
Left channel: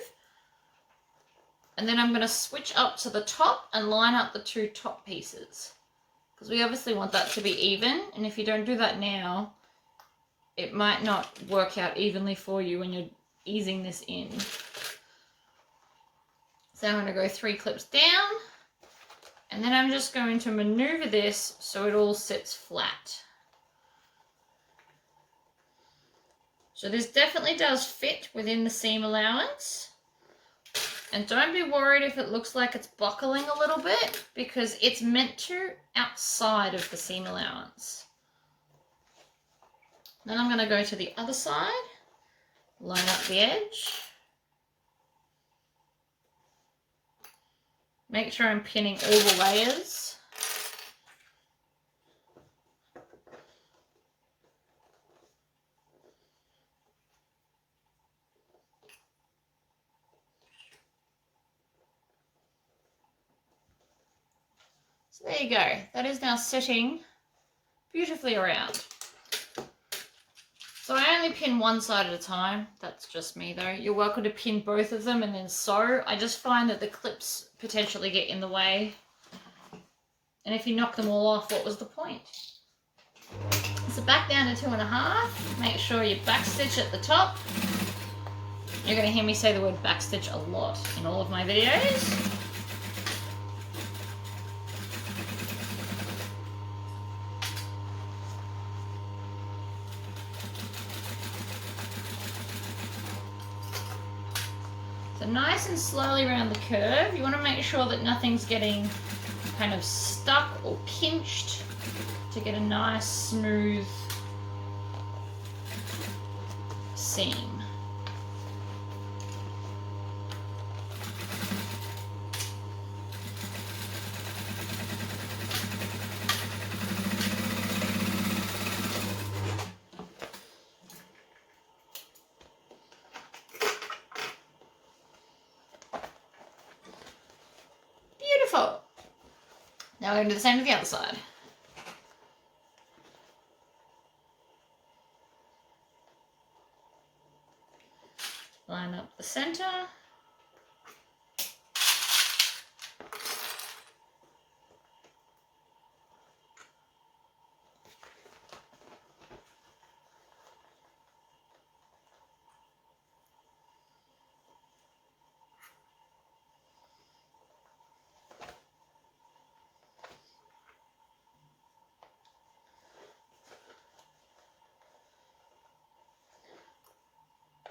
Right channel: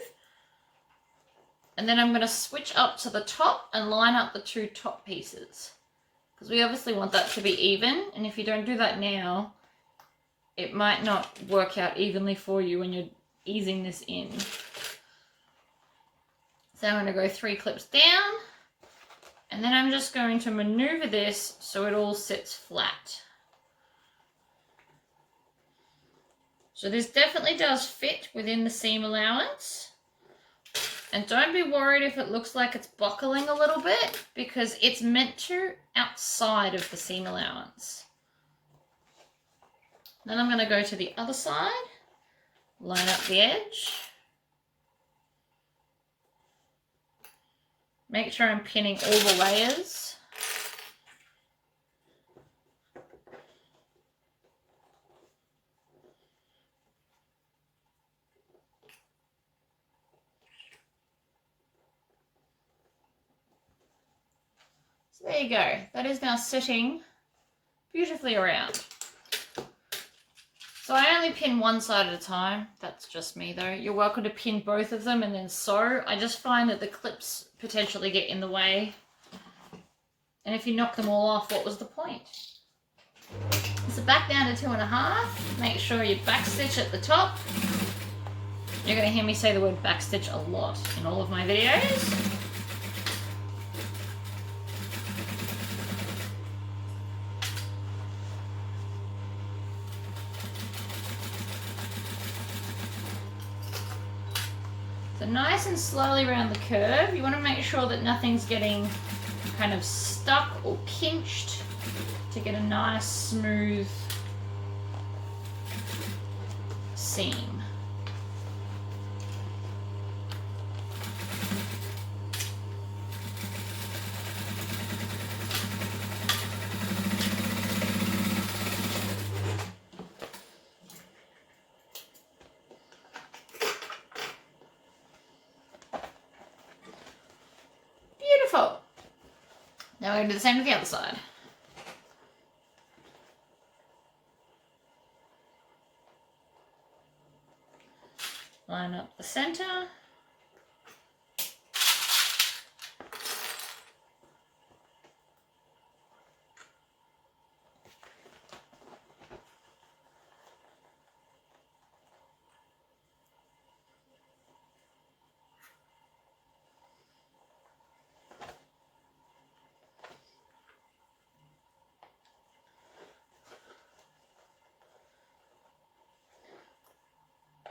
And then I'm going to switch up to the top and line up the 2 top pieces, because we obviously want that to be even, and if you don't do that now, it might not work out evenly for you when you're easing this in. So I'm going to go 3 clips down. And then I'm just going to maneuver this so it all sits flat. So this definitely does fit within the seam allowance. And don't be worried if it looks like it's buckling a little bit, because it's meant to outside of the seam allowance. Then I'm going to go to the other side, line up the edge. Make sure I'm pinning all the layers. So there you go. That is now sitting beautifully around. So I only pin one side at a time. That's just me though. You're welcome to pin both of them and then sew. I just find that the clips potentially get in the way. And if you knock them all off, what was the point? So back down to 2.5. Make sure you backstitch at the top. You're going to hear me say the word backstitch a lot in all of my videos. So nice and slowly around the curve. You want to make sure that nothing's getting kind of stuck or pinched to get a nice smooth seam. Beautiful. Now we're going to do the same to the other side. Line up the center.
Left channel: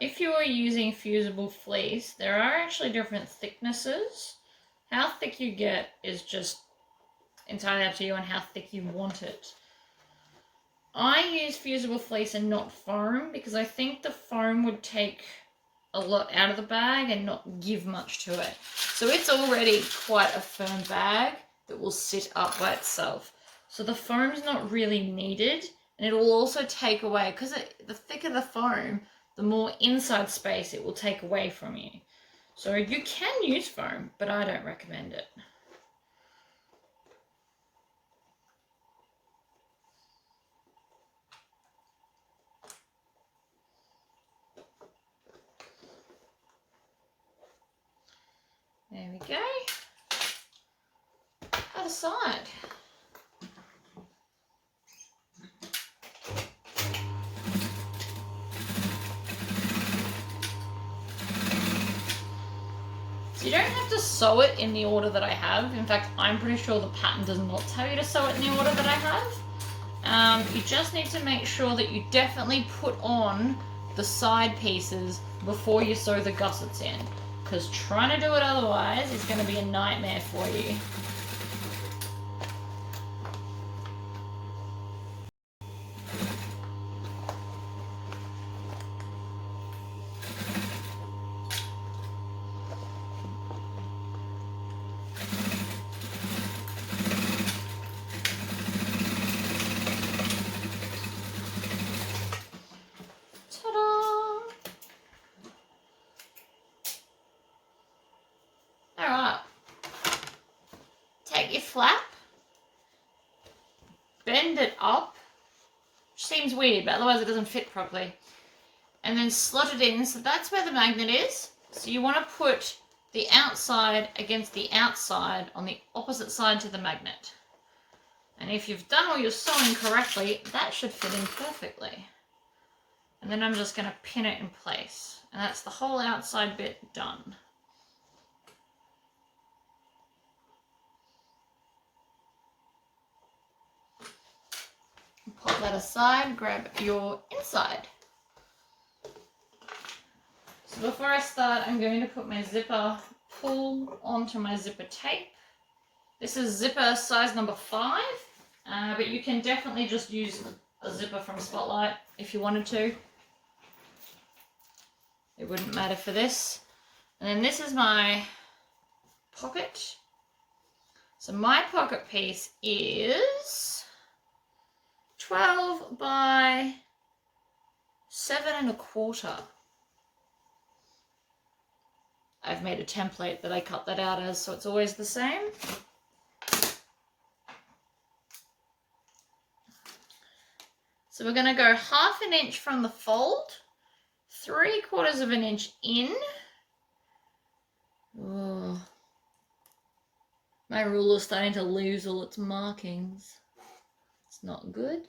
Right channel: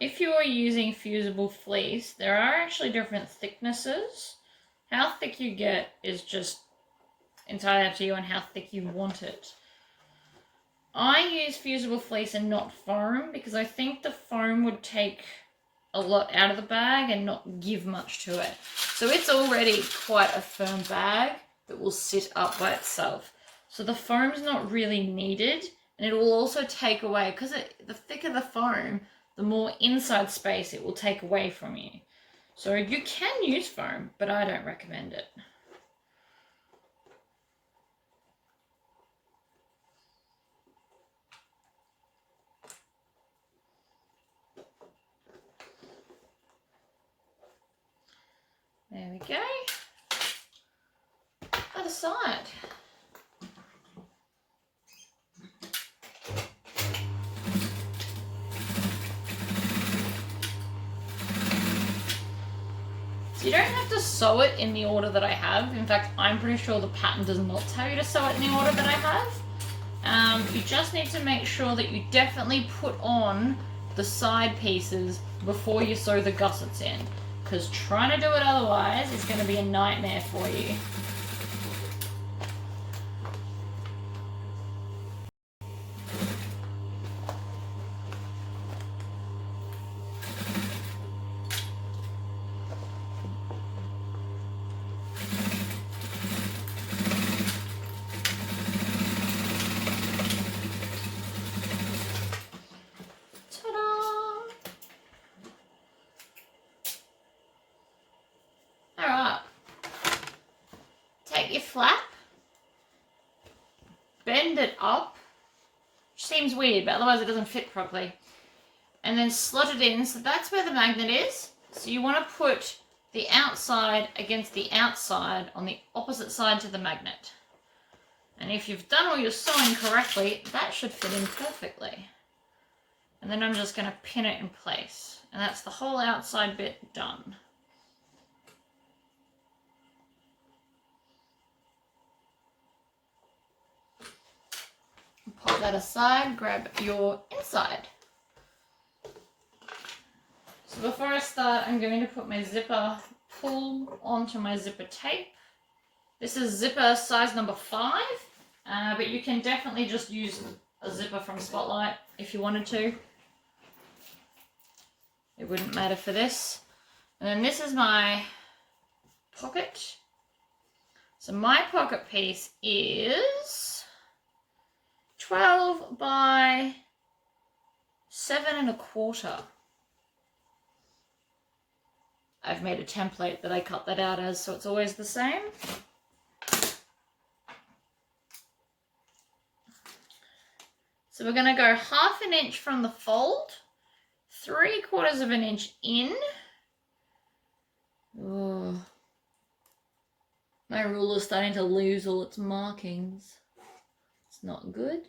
If you are using fusible fleece, there are actually different thicknesses. How thick you get is just entirely up to you on how thick you want it. I use fusible fleece and not foam because I think the foam would take a lot out of the bag and not give much to it. So it's already quite a firm bag that will sit up by itself. So the foam's not really needed And it will also take away, because the thicker the foam, the more inside space it will take away from you. So you can use foam, but I don't recommend it. There we go. Other side. You don't have to sew it in the order that I have. In fact, I'm pretty sure the pattern does not tell you to sew it in the order that I have. You just need to make sure that you definitely put on the side pieces before you sew the gussets in, because trying to do it otherwise is going to be a nightmare for you. Alright, take your flap, bend it up, which seems weird, but otherwise it doesn't fit properly, and then slot it in. So that's where the magnet is. So you want to put the outside against the outside on the opposite side to the magnet. And if you've done all your sewing correctly, that should fit in perfectly. And then I'm just going to pin it in place. And that's the whole outside bit done. Pop that aside, grab your inside. So before I start, I'm going to put my zipper pull onto my zipper tape. This is zipper size number 5, but you can definitely just use a zipper from Spotlight if you wanted to. It wouldn't matter for this. And then this is my pocket. So my pocket piece is 12 by 7 1/4. I've made a template that I cut that out as, so it's always the same. So we're going to go 1/2 inch from the fold, 3/4 of an inch in. Oh, my ruler's starting to lose all its markings. It's not good.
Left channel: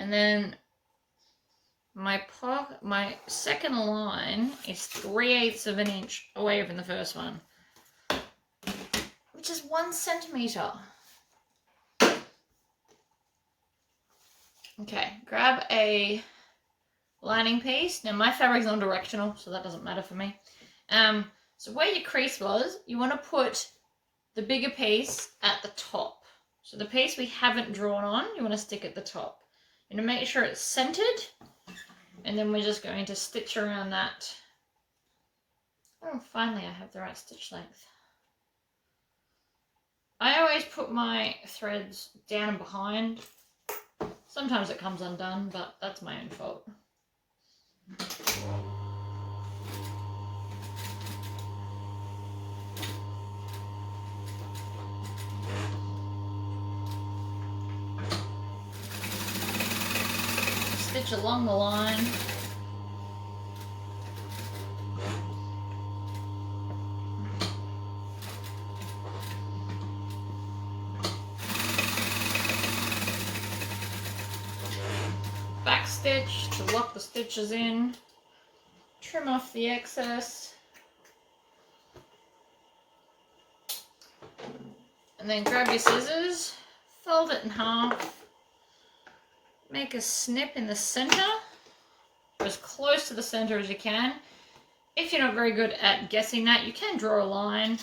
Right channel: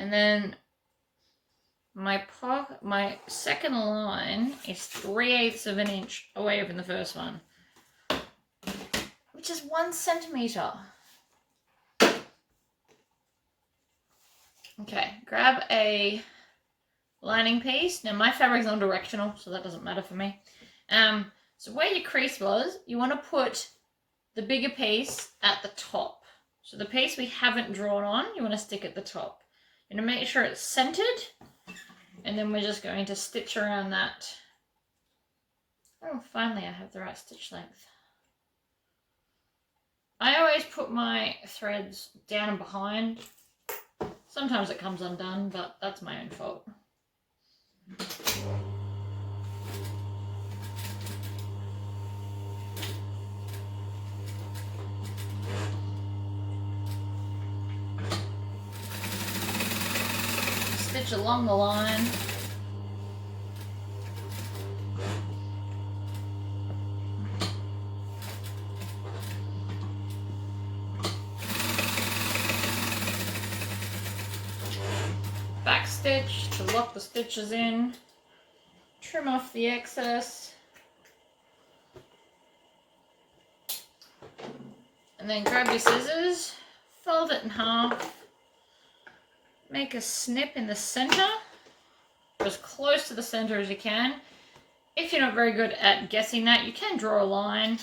And then my second line is 3/8 of an inch away from the first one, which is 1 centimeter. Okay, grab a lining piece. Now my fabric's non-directional, so that doesn't matter for me. So where your crease was, you want to put the bigger piece at the top. So the piece we haven't drawn on, you want to stick at the top. You're going to make sure it's centered, and then we're just going to stitch around that. Oh, finally I have the right stitch length. I always put my threads down and behind. Sometimes it comes undone, but that's my own fault. Stitch along the line. Back stitch to lock the stitches in. Trim off the excess. And then grab your scissors, fold it in half. Make a snip in the center, or as close to the center as you can. If you're not very good at guessing that, you can draw a line.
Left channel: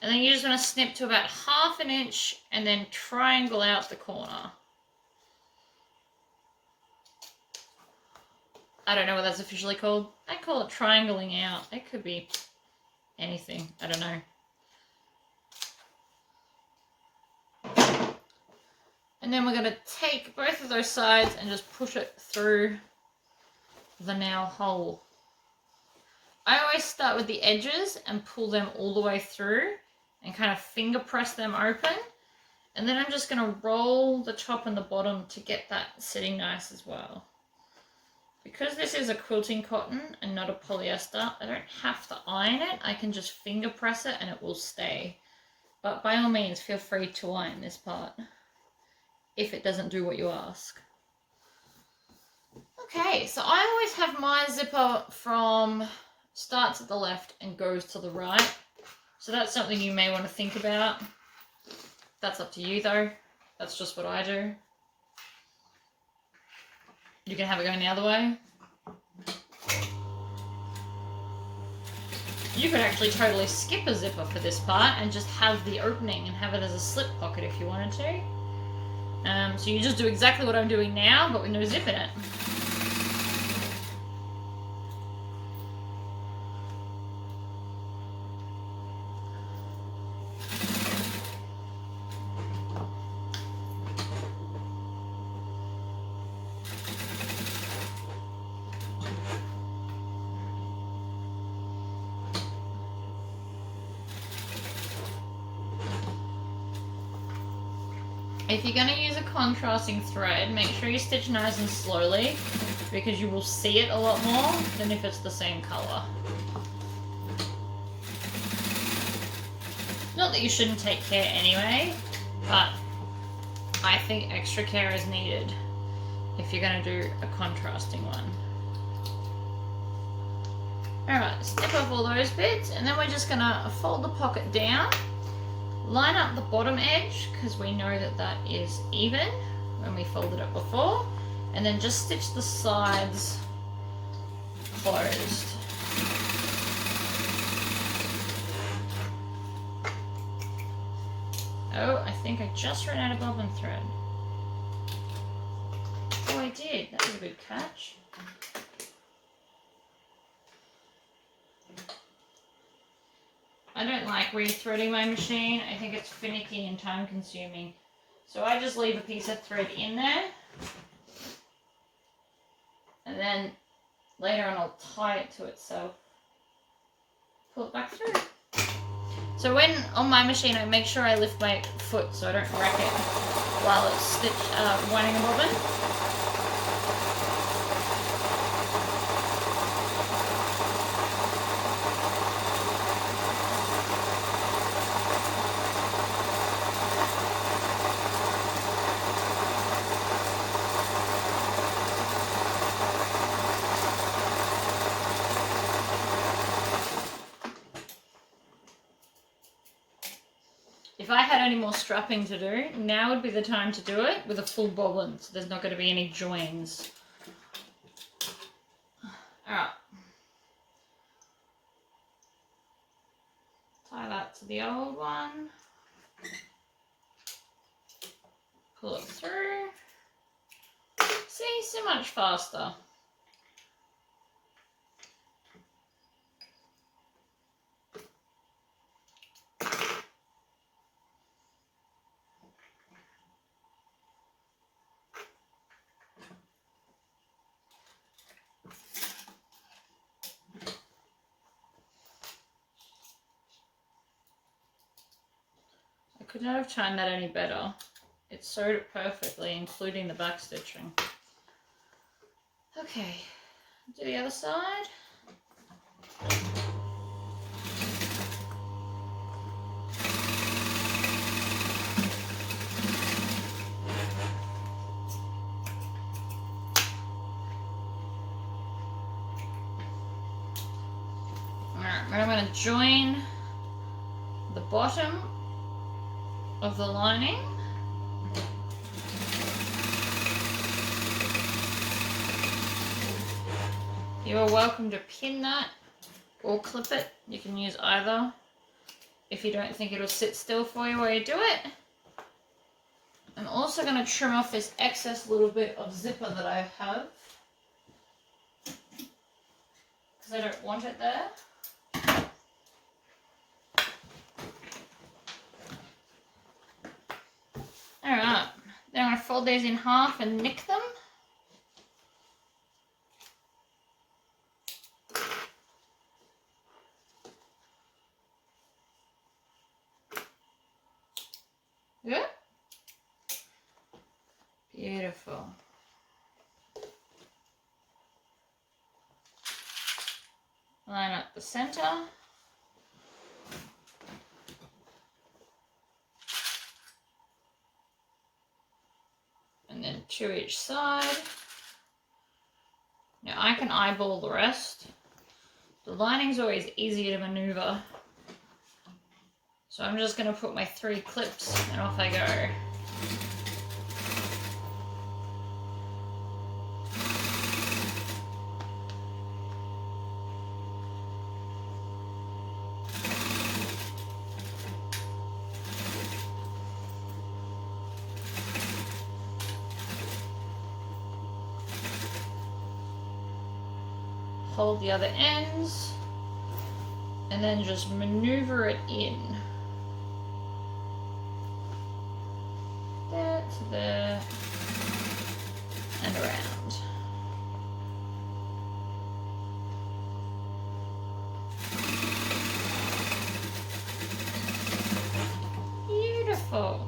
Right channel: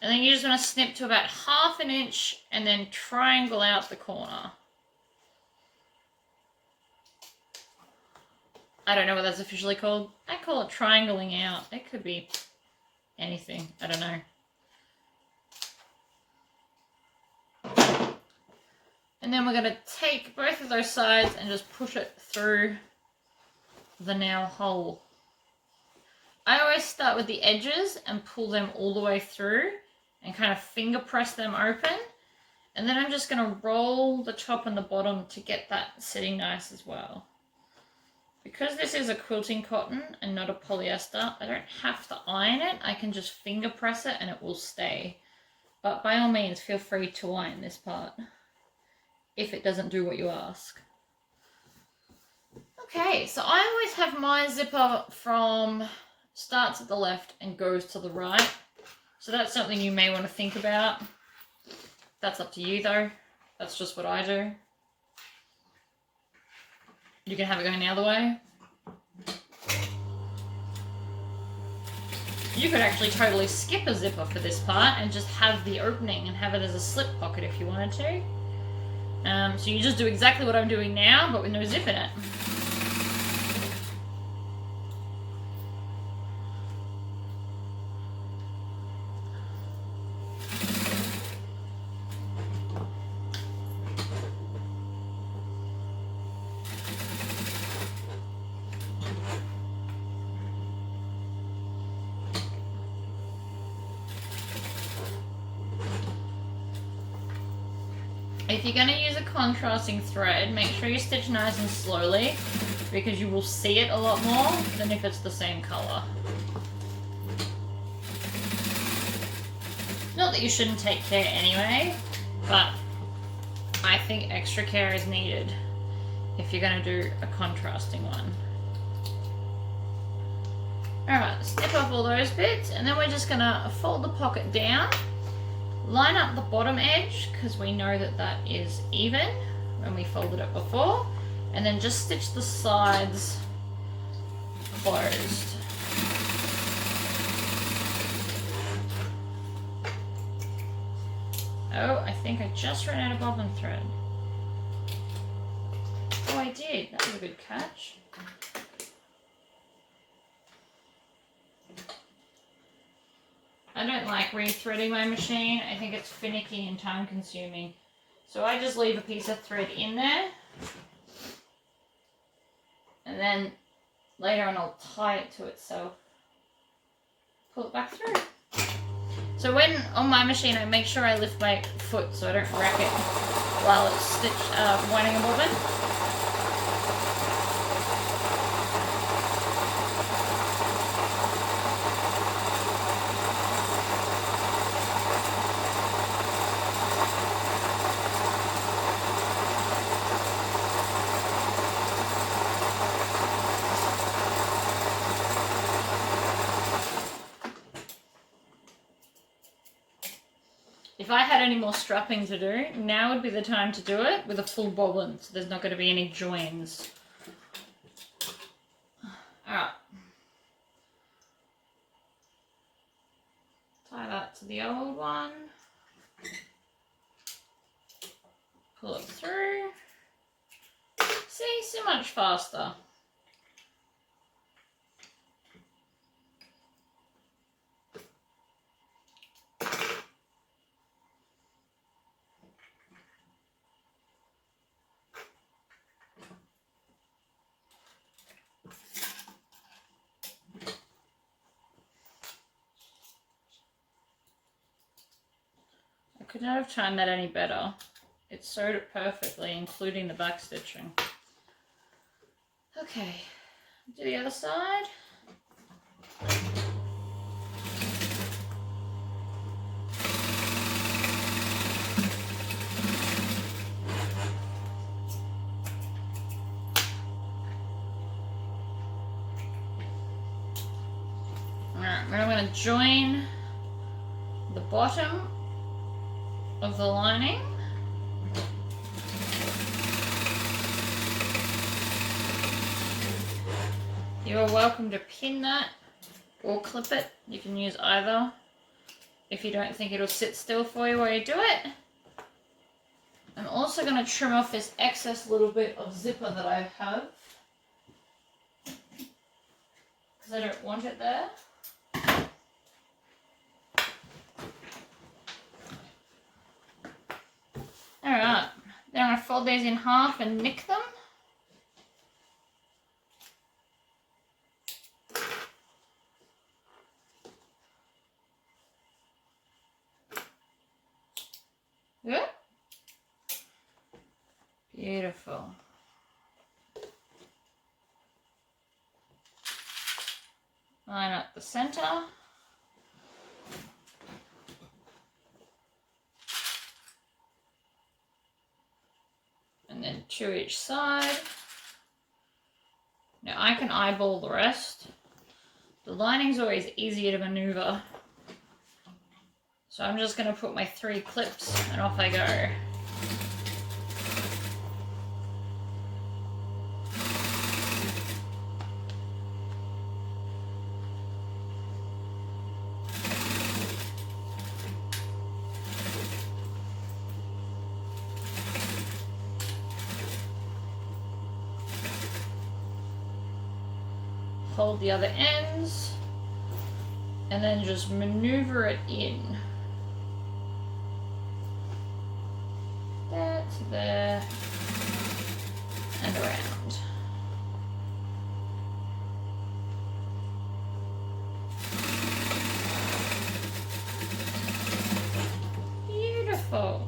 And then you just want to snip to about 1/2 inch and then triangle out the corner. I don't know what that's officially called. I call it triangling out. It could be anything. I don't know. And then we're going to take both of those sides and just push it through the nail hole. I always start with the edges and pull them all the way through and kind of finger press them open. And then I'm just going to roll the top and the bottom to get that sitting nice as well. Because this is a quilting cotton and not a polyester, I don't have to iron it. I can just finger press it and it will stay. But by all means, feel free to iron this part if it doesn't do what you ask. Okay, so I always have my zipper from starts at the left and goes to the right. So that's something you may want to think about. That's up to you though. That's just what I do. You can have it going the other way. You could actually totally skip a zipper for this part and just have the opening and have it as a slip pocket if you wanted to. So you just do exactly what I'm doing now, but with no zip in it. If you're going to use a contrasting thread, make sure you stitch nice and slowly because you will see it a lot more than if it's the same colour. Not that you shouldn't take care anyway, but I think extra care is needed if you're going to do a contrasting one. Alright, snip off all those bits and then we're just going to fold the pocket down. Line up the bottom edge because we know that that is even when we folded it before, and then just stitch the sides closed. Oh, I think I just ran out of bobbin thread. Oh, I did. That was a good catch. I don't like rethreading my machine. I think it's finicky and time consuming. So I just leave a piece of thread in there. And then later on I'll tie it to itself. Pull it back through. So when on my machine I make sure I lift my foot so I don't wreck it while it's winding a bobbin. If I had any more strapping to do, now would be the time to do it with a full bobbin, so there's not going to be any joins. Alright. Tie that to the old one. Pull it through. See, so much faster. Could not have timed that any better. It sewed it perfectly, including the back stitching. Okay, do the other side. Alright, now I'm going to join the bottom of the lining. You are welcome to pin that or clip it. You can use either if you don't think it'll sit still for you while you do it. I'm also going to trim off this excess little bit of zipper that I have because I don't want it there. Alright, Then I'm going to fold these in half and nick them. Good. Beautiful. Line up the center. And then 2 each side. Now I can eyeball the rest. The lining's always easier to maneuver. So I'm just going to put my 3 clips and off I go. Hold the other ends and then just maneuver it in. There to there and around. Beautiful.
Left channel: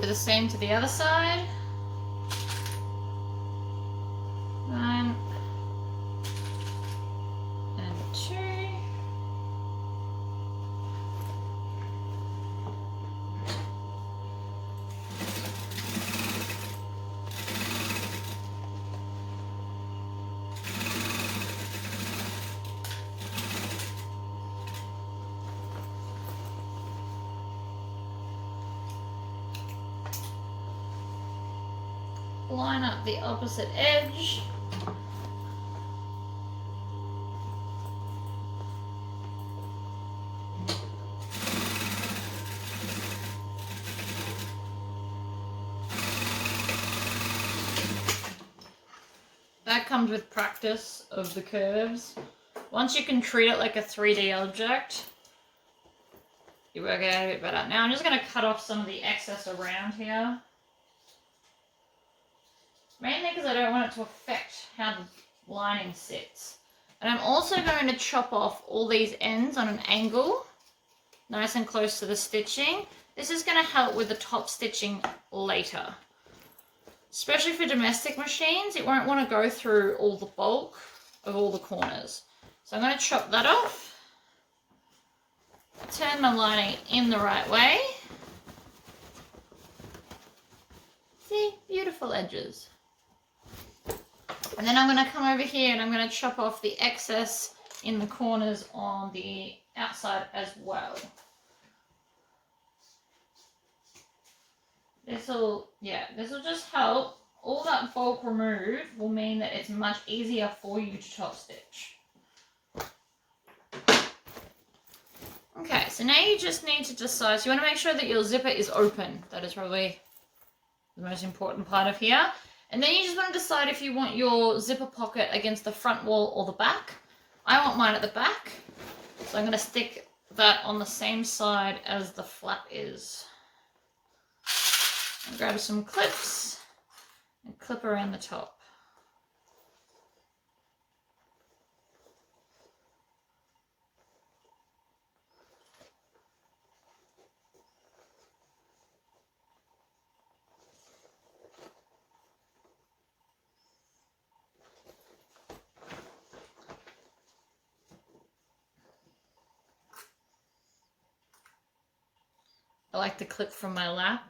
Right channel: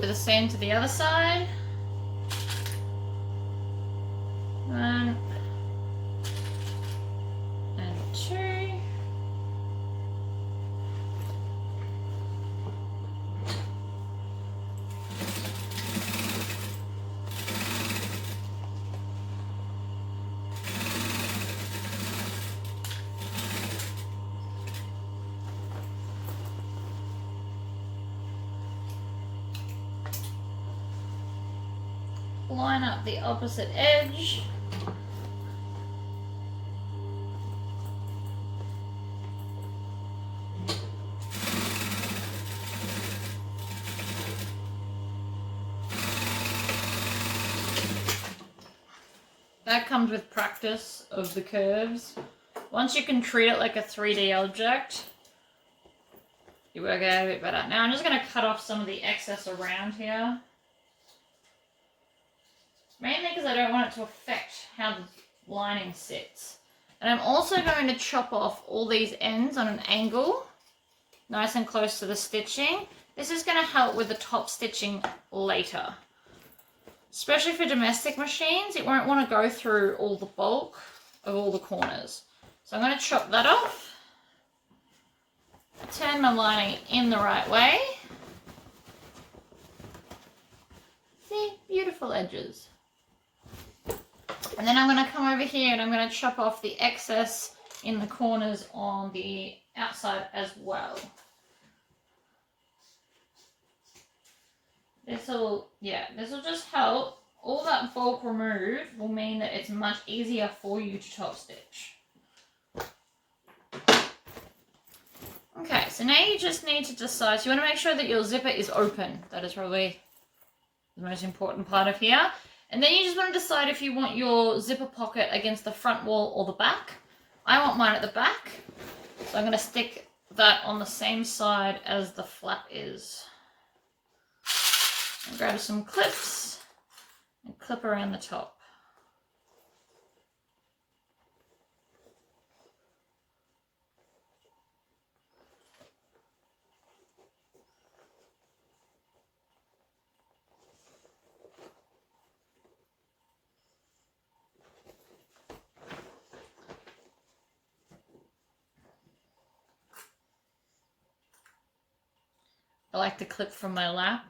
Do the same to the other side. 1 and 2. Line up the opposite edge. That comes with practice of the curves. Once you can treat it like a 3D object, you work out a bit better. Now I'm just going to cut off some of the excess around here. Mainly because I don't want it to affect how the lining sits. And I'm also going to chop off all these ends on an angle, nice and close to the stitching. This is going to help with the top stitching later. Especially for domestic machines, it won't want to go through all the bulk of all the corners. So I'm going to chop that off. Turn my lining in the right way. See, beautiful edges. And then I'm going to come over here and I'm going to chop off the excess in the corners on the outside as well. This will just help. All that bulk removed will mean that it's much easier for you to top stitch. Okay, so now you just need to decide. So you want to make sure that your zipper is open. That is probably the most important part of here. And then you just want to decide if you want your zipper pocket against the front wall or the back. I want mine at the back. So I'm going to stick that on the same side as the flap is. And grab some clips and clip around the top. I like to clip from my lap.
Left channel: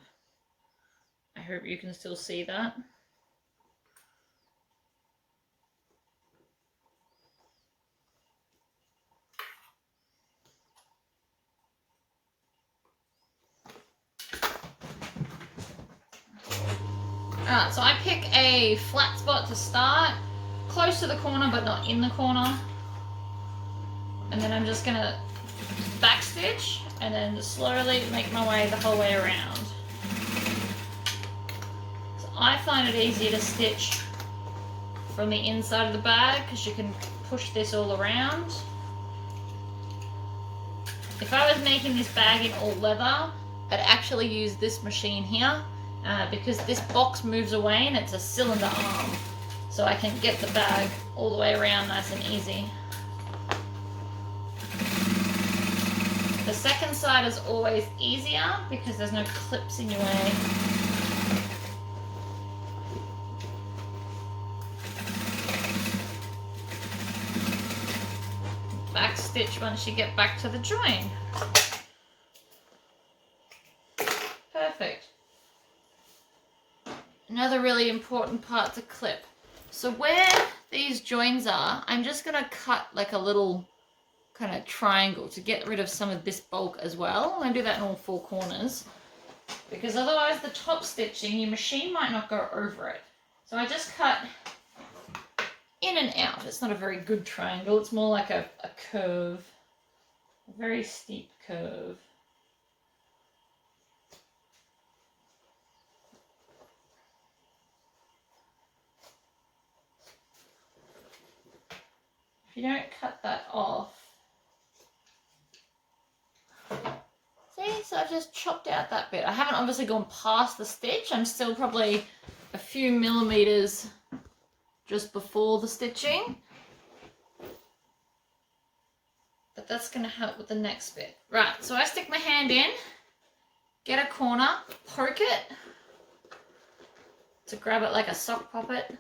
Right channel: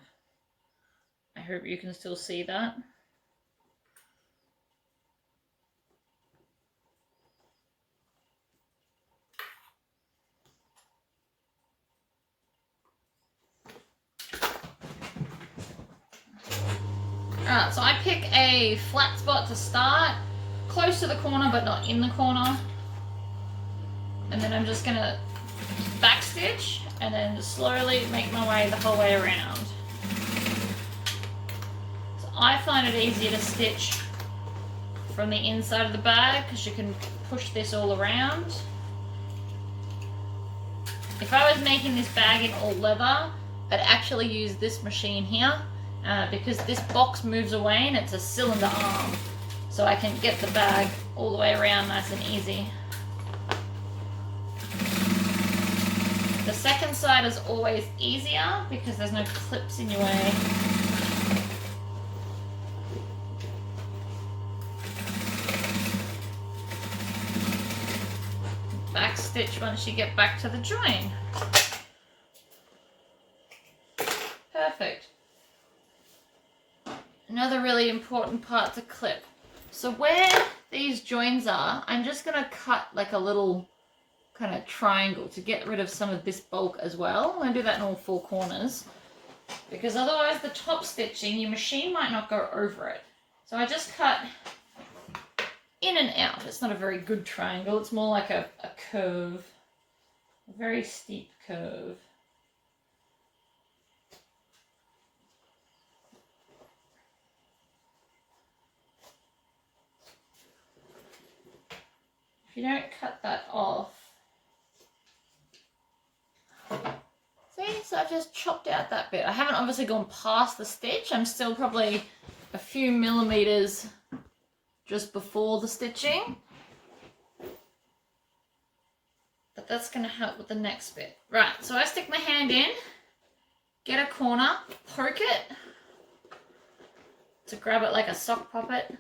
I hope you can still see that. Alright, so I pick a flat spot to start, close to the corner but not in the corner. And then I'm just going to backstitch and then slowly make my way the whole way around. So I find it easier to stitch from the inside of the bag because you can push this all around. If I was making this bag in all leather, I'd actually use this machine here because this box moves away and it's a cylinder arm. So I can get the bag all the way around nice and easy. The second side is always easier because there's no clips in your way. Back stitch once you get back to the join. Perfect. Another really important part to clip. So where these joins are, I'm just going to cut like a little kind of triangle to get rid of some of this bulk as well. I'm going to do that in all four corners because otherwise the top stitching, your machine might not go over it. So I just cut in and out. It's not a very good triangle. It's more like a curve, a very steep curve. If you don't cut that off, see, so I've just chopped out that bit. I haven't obviously gone past the stitch. I'm still probably a few millimeters just before the stitching. But that's going to help with the next bit. Right, so I stick my hand in, get a corner, poke it to grab it like a sock poppet.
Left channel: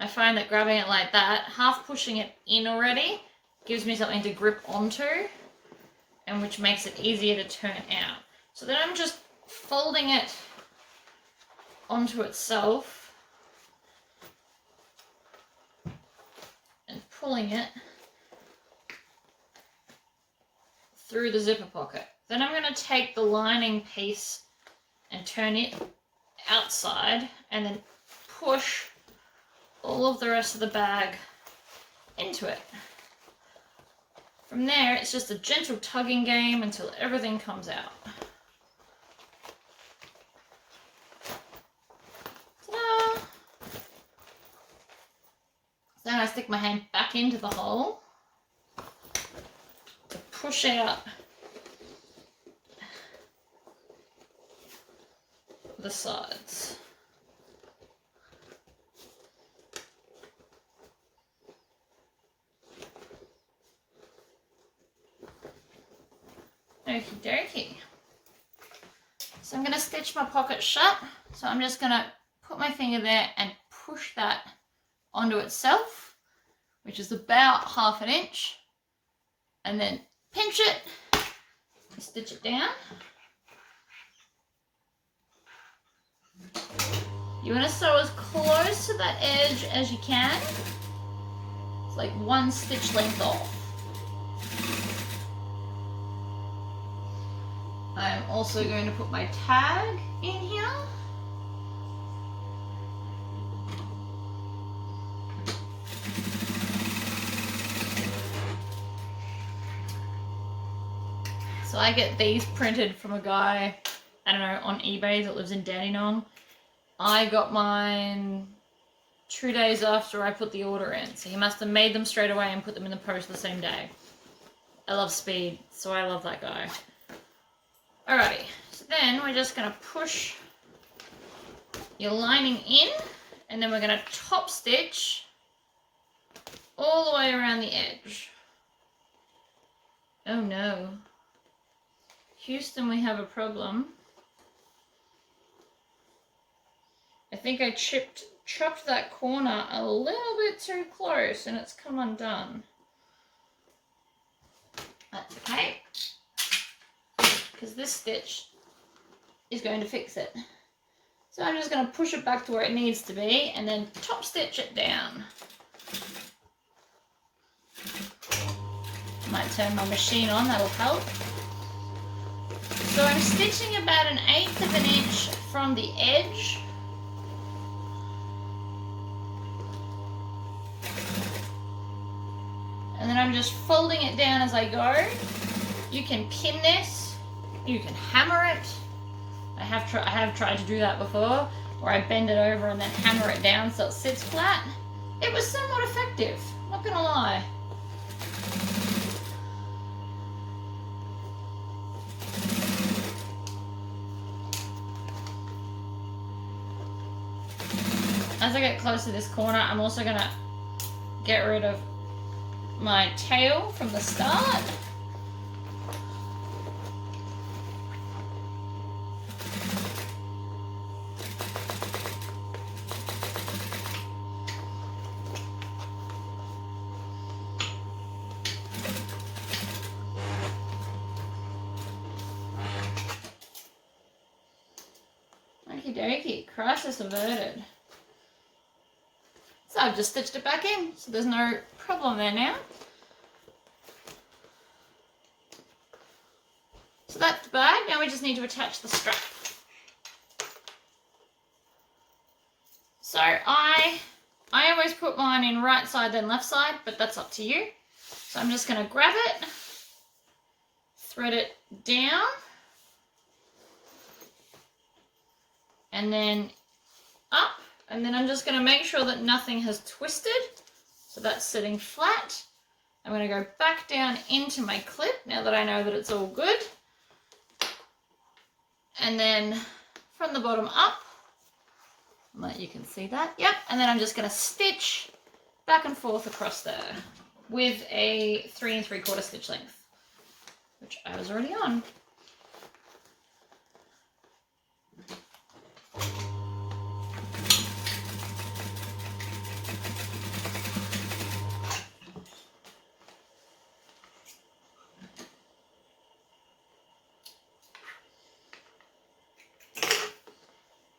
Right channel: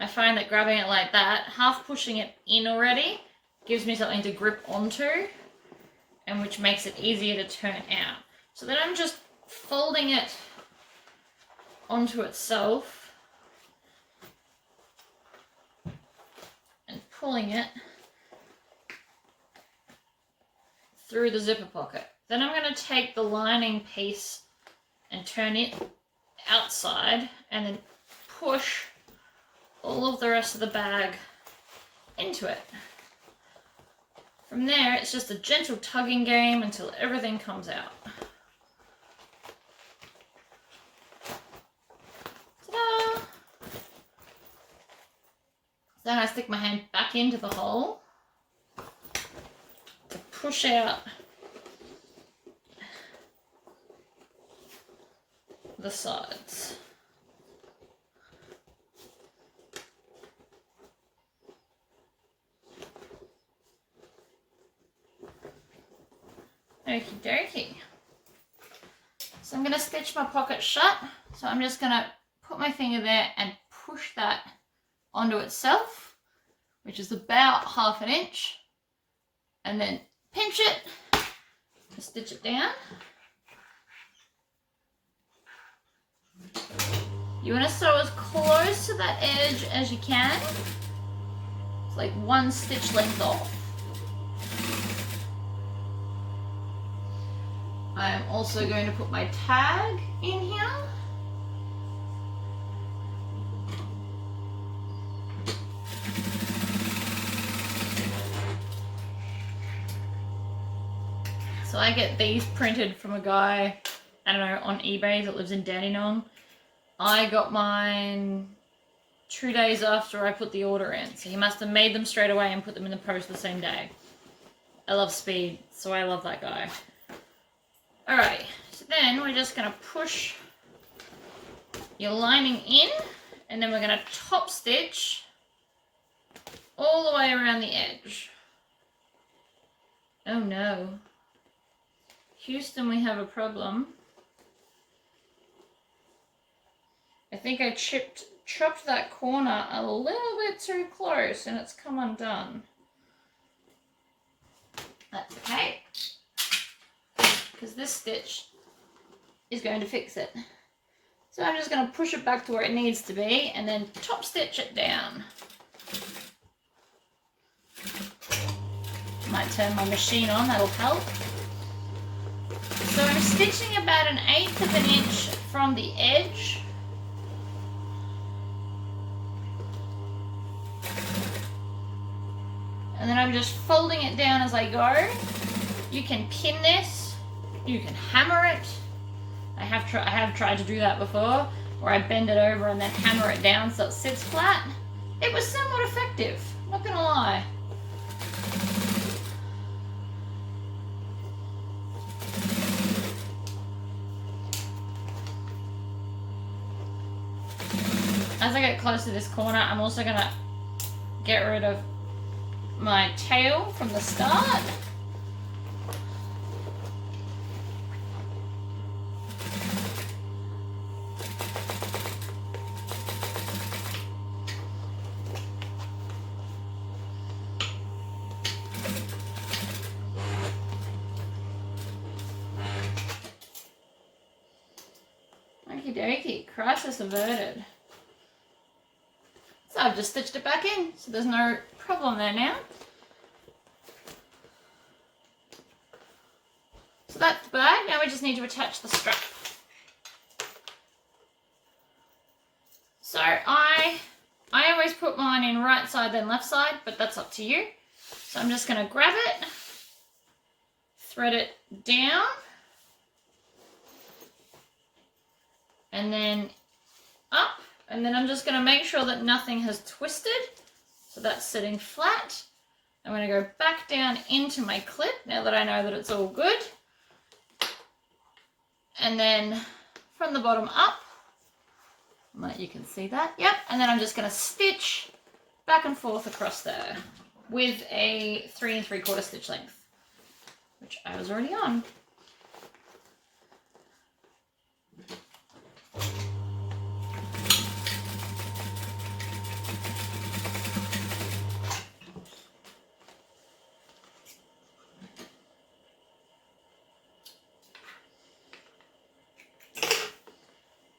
I find that grabbing it like that, half pushing it in already, gives me something to grip onto, and which makes it easier to turn out. So then I'm just folding it onto itself and pulling it through the zipper pocket. Then I'm going to take the lining piece and turn it outside and then push all of the rest of the bag into it. From there, it's just a gentle tugging game until everything comes out. Ta-da! Then I stick my hand back into the hole to push out the sides. Okie dokie. So I'm going to stitch my pocket shut. So I'm just going to put my finger there and push that onto itself, which is about 1/2 inch, and then pinch it and stitch it down. You want to sew as close to that edge as you can. It's like 1 stitch length off. I'm also going to put my tag in here. So I get these printed from a guy, I don't know, on eBay that lives in Dandenong. I got mine 2 days after I put the order in. So he must have made them straight away and put them in the post the same day. I love speed, so I love that guy. Alright, so then we're just going to push your lining in, and then we're going to top stitch all the way around the edge. Oh no. Houston, we have a problem. I think I chopped that corner a little bit too close and it's come undone. That's okay, because this stitch is going to fix it. So I'm just going to push it back to where it needs to be and then top stitch it down. Might turn my machine on, that'll help. So I'm stitching about 1/8 of an inch from the edge. And then I'm just folding it down as I go. You can pin this, you can hammer it. I have tried to do that before, where I bend it over and then hammer it down so it sits flat. It was somewhat effective, not gonna lie. as I get close to this corner, I'm also going to get rid of my tail from the start. Okie dokie, crisis averted. So I've just stitched it back in, so there's no problem there now. So that's the bag. Now we just need to attach the strap. So I always put mine in right side then left side, but that's up to you. So I'm just going to grab it, thread it down, and then up, and then I'm just going to make sure that nothing has twisted. So that's sitting flat. I'm going to go back down into my clip now that I know that it's all good. And then from the bottom up, you can see that, yep. And then I'm just going to stitch back and forth across there with a 3 3/4 stitch length, which I was already on.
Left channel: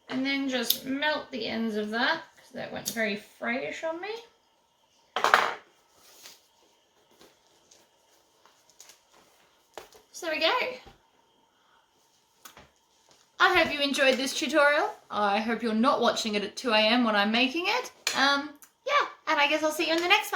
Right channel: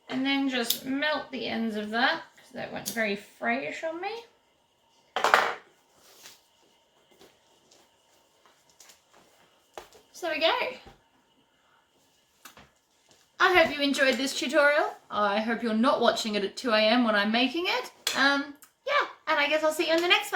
And then just melt the ends of that, because that went very frayish on me. So there we go. I hope you enjoyed this tutorial. I hope you're not watching it at 2 AM when I'm making it. Yeah, and I guess I'll see you in the next one.